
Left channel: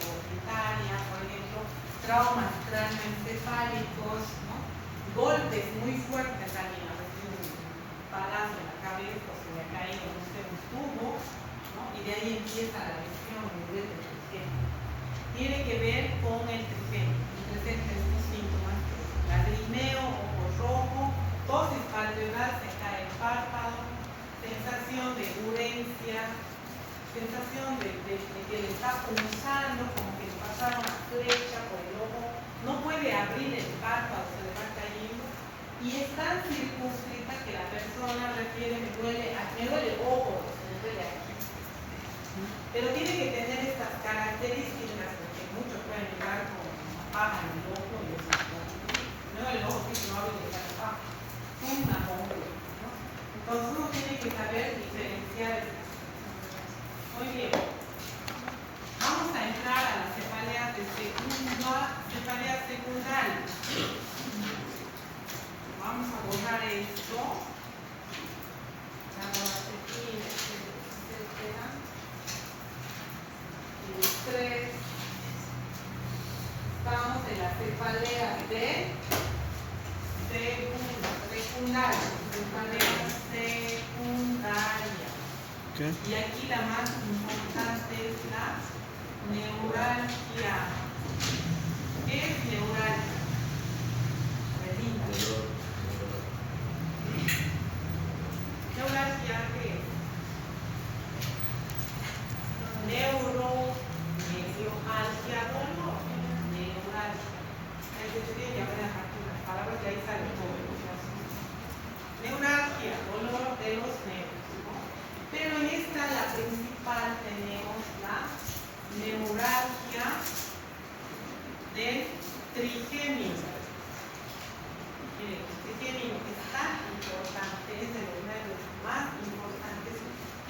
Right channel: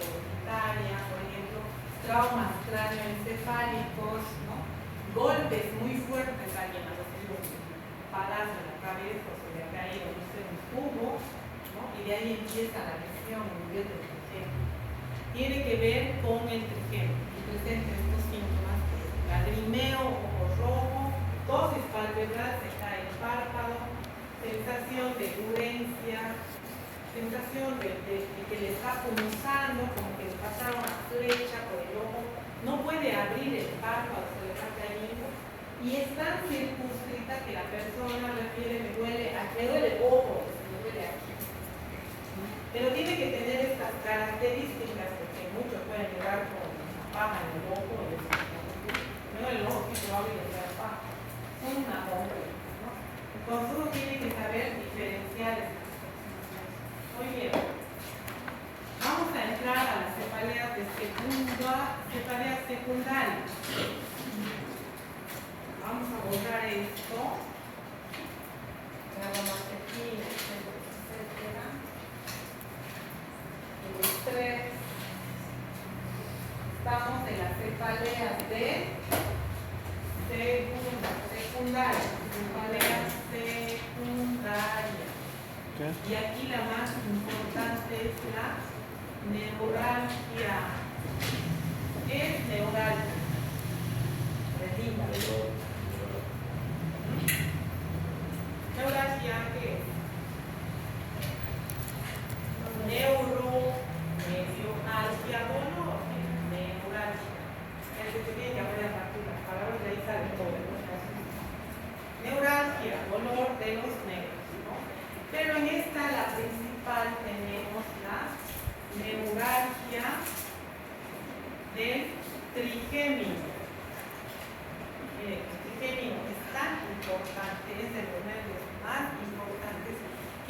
orbitaria, por ejemplo, traumas cráneoencefálicos, ¿no? Golpes muy fuertes también a los que un palazo en la cabeza, o se le ha caído, no sé, un tubo, ¿no? Y de ahí empieza la lesión en el trigémino. Tiene que ver con el trigémino y presenta estos síntomas: lagrimeo, ojo rojo, tosis palpebral, se cae el párpado, sensación de urencia, sensación de que le está punzando, como que le pasaron una flecha por el ojo, no puede abrir el párpado, se le va cayendo, y es tan circunscrita que la persona refiere: me duele el ojo, me duele aquí. Pero tiene que tener estas características, porque muchos pueden llegar con paja en el ojo y eso. No, el ojo que no hable de la paja, una bomba, ¿no? Entonces uno tiene que saber diferenciar estas cosas. Muy bien. Vamos a entrar a las cefaleas de cefaleas secundarias. Vamos a borrar esto. Carbamazepina, etcétera. El estrés. Estamos en las cefaleas de segunda, secundaria. Cefalea secundaria. ¿Qué? Y aquí la más importante es la neuralgia. ¿Qué es neuralgia? Redinda. Neuralgia, ¿qué es? Neuroalgia, dolor. Neuralgia. Es que tiene que haber a partir de las palabras, de ahí sale todo. Neuralgia, dolor de los nervios, ¿no? Pero en esta, la principal, tenemos la neuralgia del trigémino. El trigémino es tan importante, es el de los nervios más importantes,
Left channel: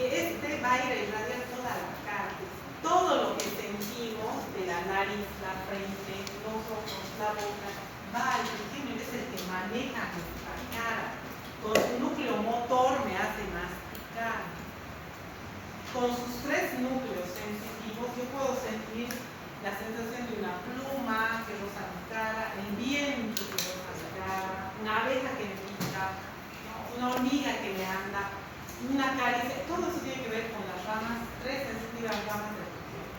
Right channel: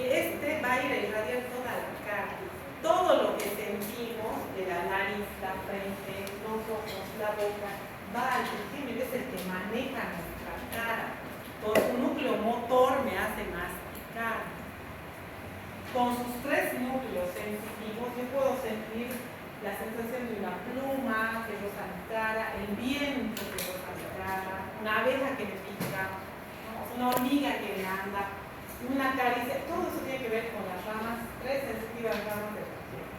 que este va a ir a irradiar toda la cara. Todo lo que sentimos de la nariz, la frente, los ojos, la boca, va al trigémino, es el que maneja nuestra cara. Con su núcleo motor me hace masticar. Con sus tres núcleos sensitivos yo puedo sentir la sensación de una pluma que roza mi cara, el viento que roza mi cara, una abeja que me pica, una hormiga que me anda, una caricia. Todo eso tiene que ver con las ramas, tres sensitivas ramas del cuerpo.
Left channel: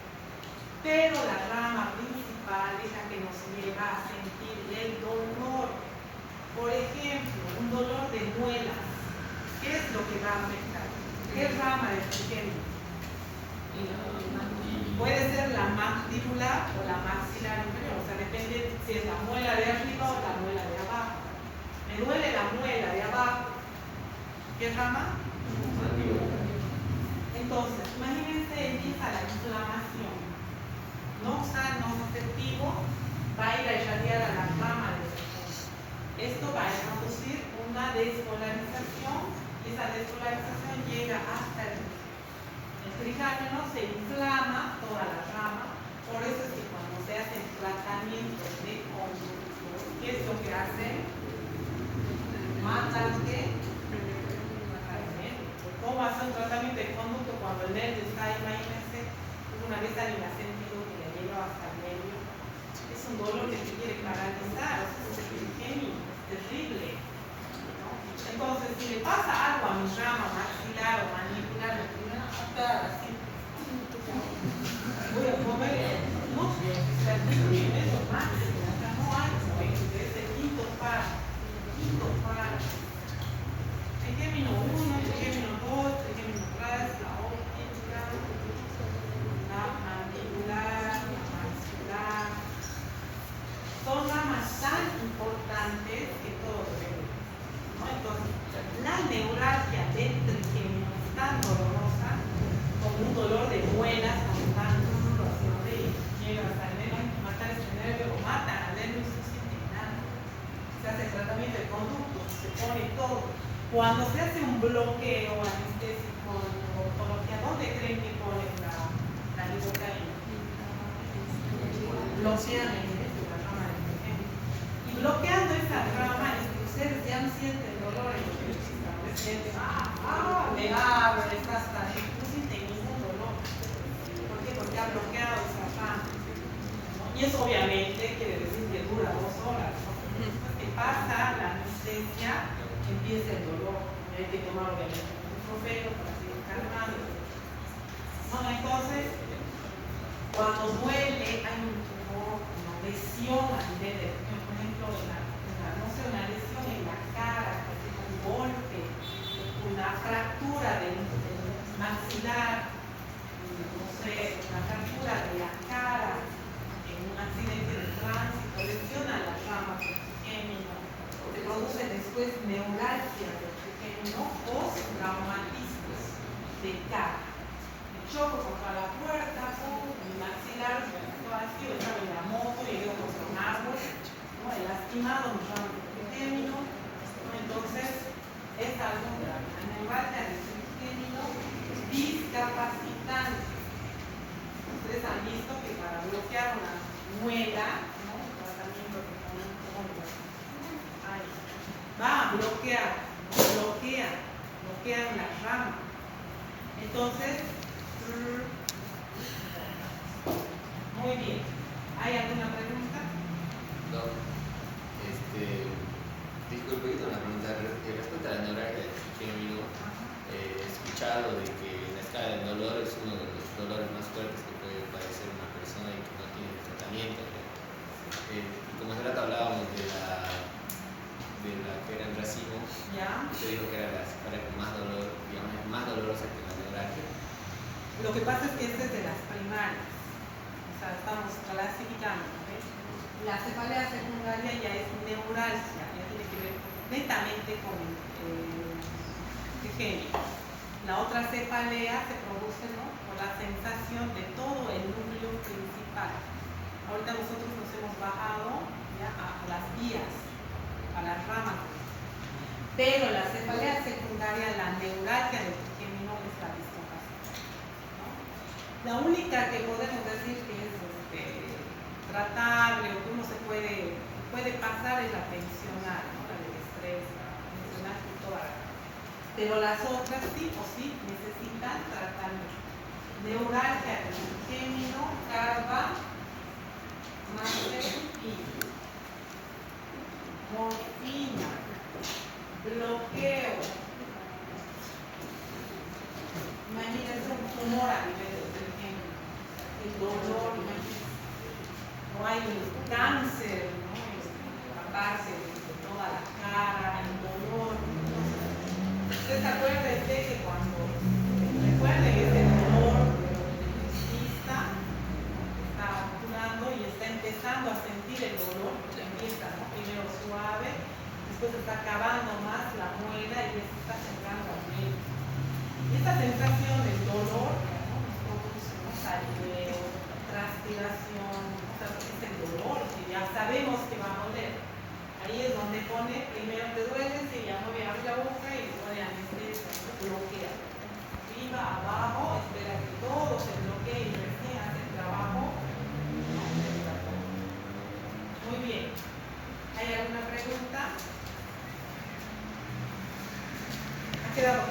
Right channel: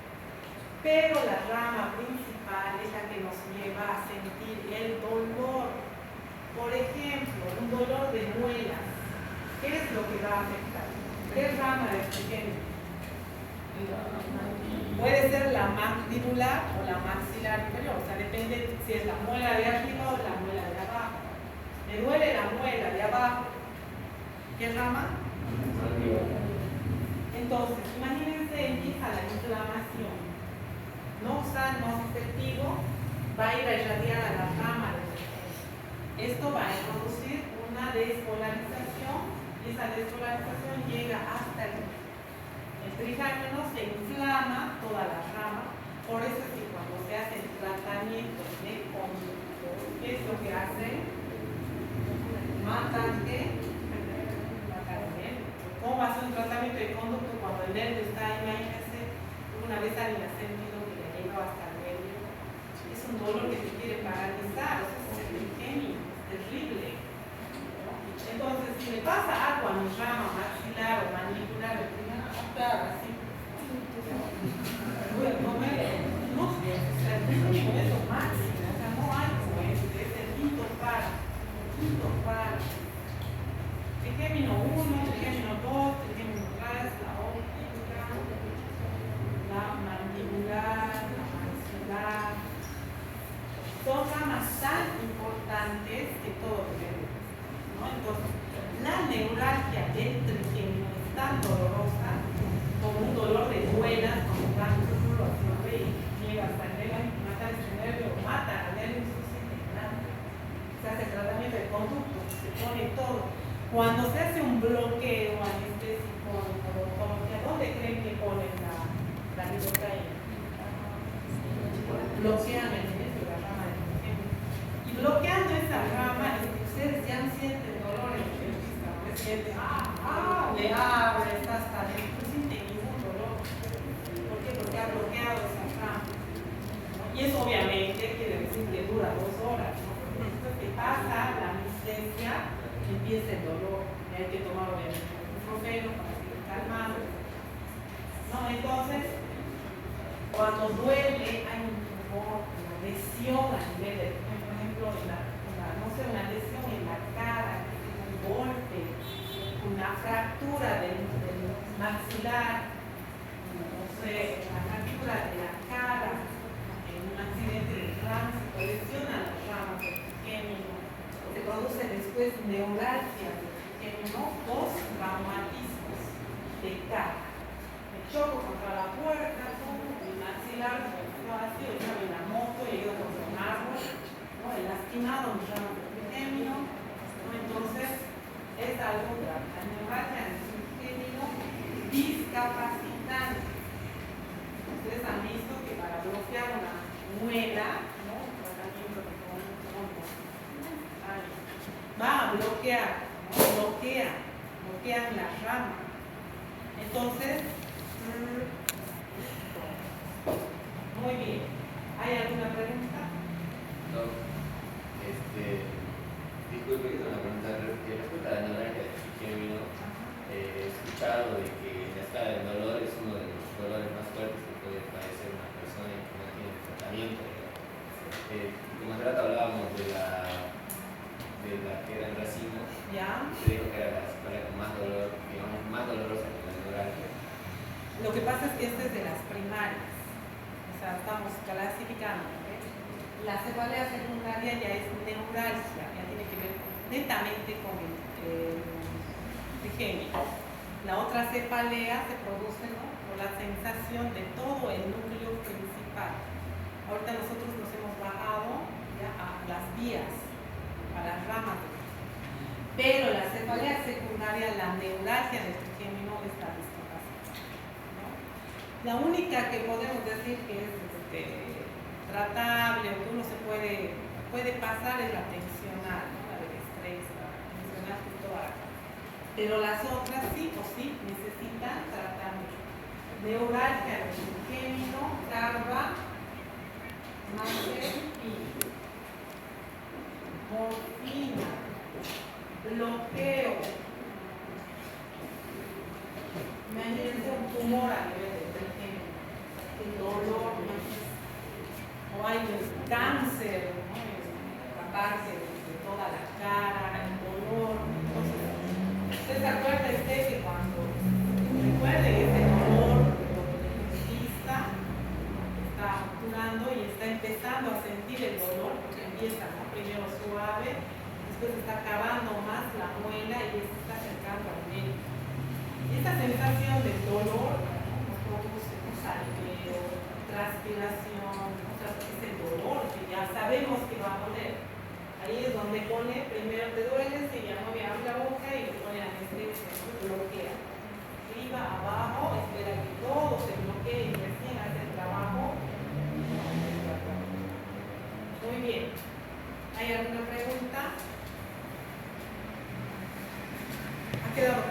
Pero la rama principal es la que nos lleva a sentir el dolor. Por ejemplo, un dolor de muelas. ¿Qué es lo que va a afectar? ¿Qué rama del trigémino? Puede ser la mandibular o la maxilar inferior, o sea, depende si es la muela de arriba o la muela de abajo. Me duele la muela de abajo. ¿Qué rama? Entonces, imagínense, empieza la inflamación. Noxanoceptivo va a ir a irradiar a la rama del trigémino. Esto va a introducir una despolarización y esa despolarización llega hasta el trigémino, se inflama toda la rama. Por eso es que cuando se hace el tratamiento de conducto, ¿qué es lo que hace? Matan ¿qué? ¿Cómo hace un tratamiento de conducto cuando el nervio está ahí? Imagínense, una vez alguien ha sentido que le llegó hasta el nervio. Es un dolor que te quiere paralizar, o sea, es el trigémino, es terrible, ¿no? Entonces, si le pasa algo a mi rama maxilar o mandibular, así. Voy a comer, no sé, el trigémino es lo máximo, o sea, no hay como es el quinto par. Trigémino 1, trigémino 2, trigémino 3, la óptica, la mandibular, la maxilar. Son ramas tan importantes que todos debemos, ¿no? Entonces, la neuralgia del trigémino es tan dolorosa como un dolor de muelas cuando están llega hasta el nervio, matar este nervio o matan al nervio y no se siente nada. Se hace el tratamiento de conducto, se pone todo. Cuando se hace un bloqueo anestésico en odontología, ¿dónde creen que ponen la lidocaína? Bloquean el nervio, la rama del trigémino. Y bloqueando esta rama, ustedes ya sienten dolor en el dentista, ¿no? Sienten, le abre, está hasta ahí, no sienten ningún dolor. ¿Por qué? Porque ha bloqueado esa rama, ¿no? Y eso obviamente quiere decir que dura 2 horas, ¿no? Después que pasa la anestesia, empieza el dolor y hay que tomar obviamente un ibuprofeno para seguir calmando, ¿no? Entonces, cuando duele, hay un tumor, una lesión a nivel de, por ejemplo, una lesión en la cara, un golpe, una fractura del maxilar, no sé, una fractura de la cara, en un accidente de tránsito, lesiona las ramas del trigémino. Se produce después neuralgia del trigémino, post-traumatismos de cara. Me choco contra la puerta, mi maxilar, así, yo estaba en la moto, llegué contra un árbol, ¿no? He lastimado mis ramas del trigémino, ¿no? Entonces, es algo de la neuralgia del trigémino discapacitante. Ustedes han visto que para bloquear una muela, ¿no? Un tratamiento que va a bloquear, ¿no? bloquean la rama. Entonces, muy bien. ¿Hay alguna pregunta? No. Disculpe, una pregunta. como hace rato hablábamos de la que era el racimo, ¿Ya? usted dijo que era la cefalea con más dolor, digamos, es más dolorosa que la neuralgia. Lo que pasa es que este es de las primarias. O sea, estamos clasificando. ¿Ves? La cefalea secundaria ya es neuralgia, ya tiene que ver netamente con el trigémino. La otra cefalea se produce, ¿no?, con la sensación de todo el núcleo principal. Ahorita nosotros nos hemos bajado ya a las vías, a las ramas. Pero la cefalea secundaria, la neuralgia del trigémino es la discapacidad, ¿no? La única que podemos decir que es tratable o que uno se puede pasar es la tensional, ¿no?, la del estrés, la tensional y toda la cara. Pero las otras sí o sí necesitan tratamiento. Neuralgia del trigémino, carga, máster y morfina, bloqueo. Imagínense un tumor a nivel del trigémino, el dolor, o hay un cáncer, ¿no?, la parte de toda la cara, el dolor. Entonces, acuérdense que cuando recuerden ese dolor del dentista está actuando y está empezando a sentir el dolor, porque empieza, ¿no?, primero suave, después está acabando más la muela y se está acercando al médico. Esta sensación del dolor, ¿no?, nos produce un saliveo, transpiración, o sea, es el dolor, que ya sabemos que va a doler. Ahí es donde pone, primero te duele, se llama, abre la boca y le pone anestesia, ¿no?, bloquea. Arriba, abajo, espera que todo se bloquee y recién hace el trabajo. Muy bien. ¿Hay alguna pregunta? ¿Ha quedado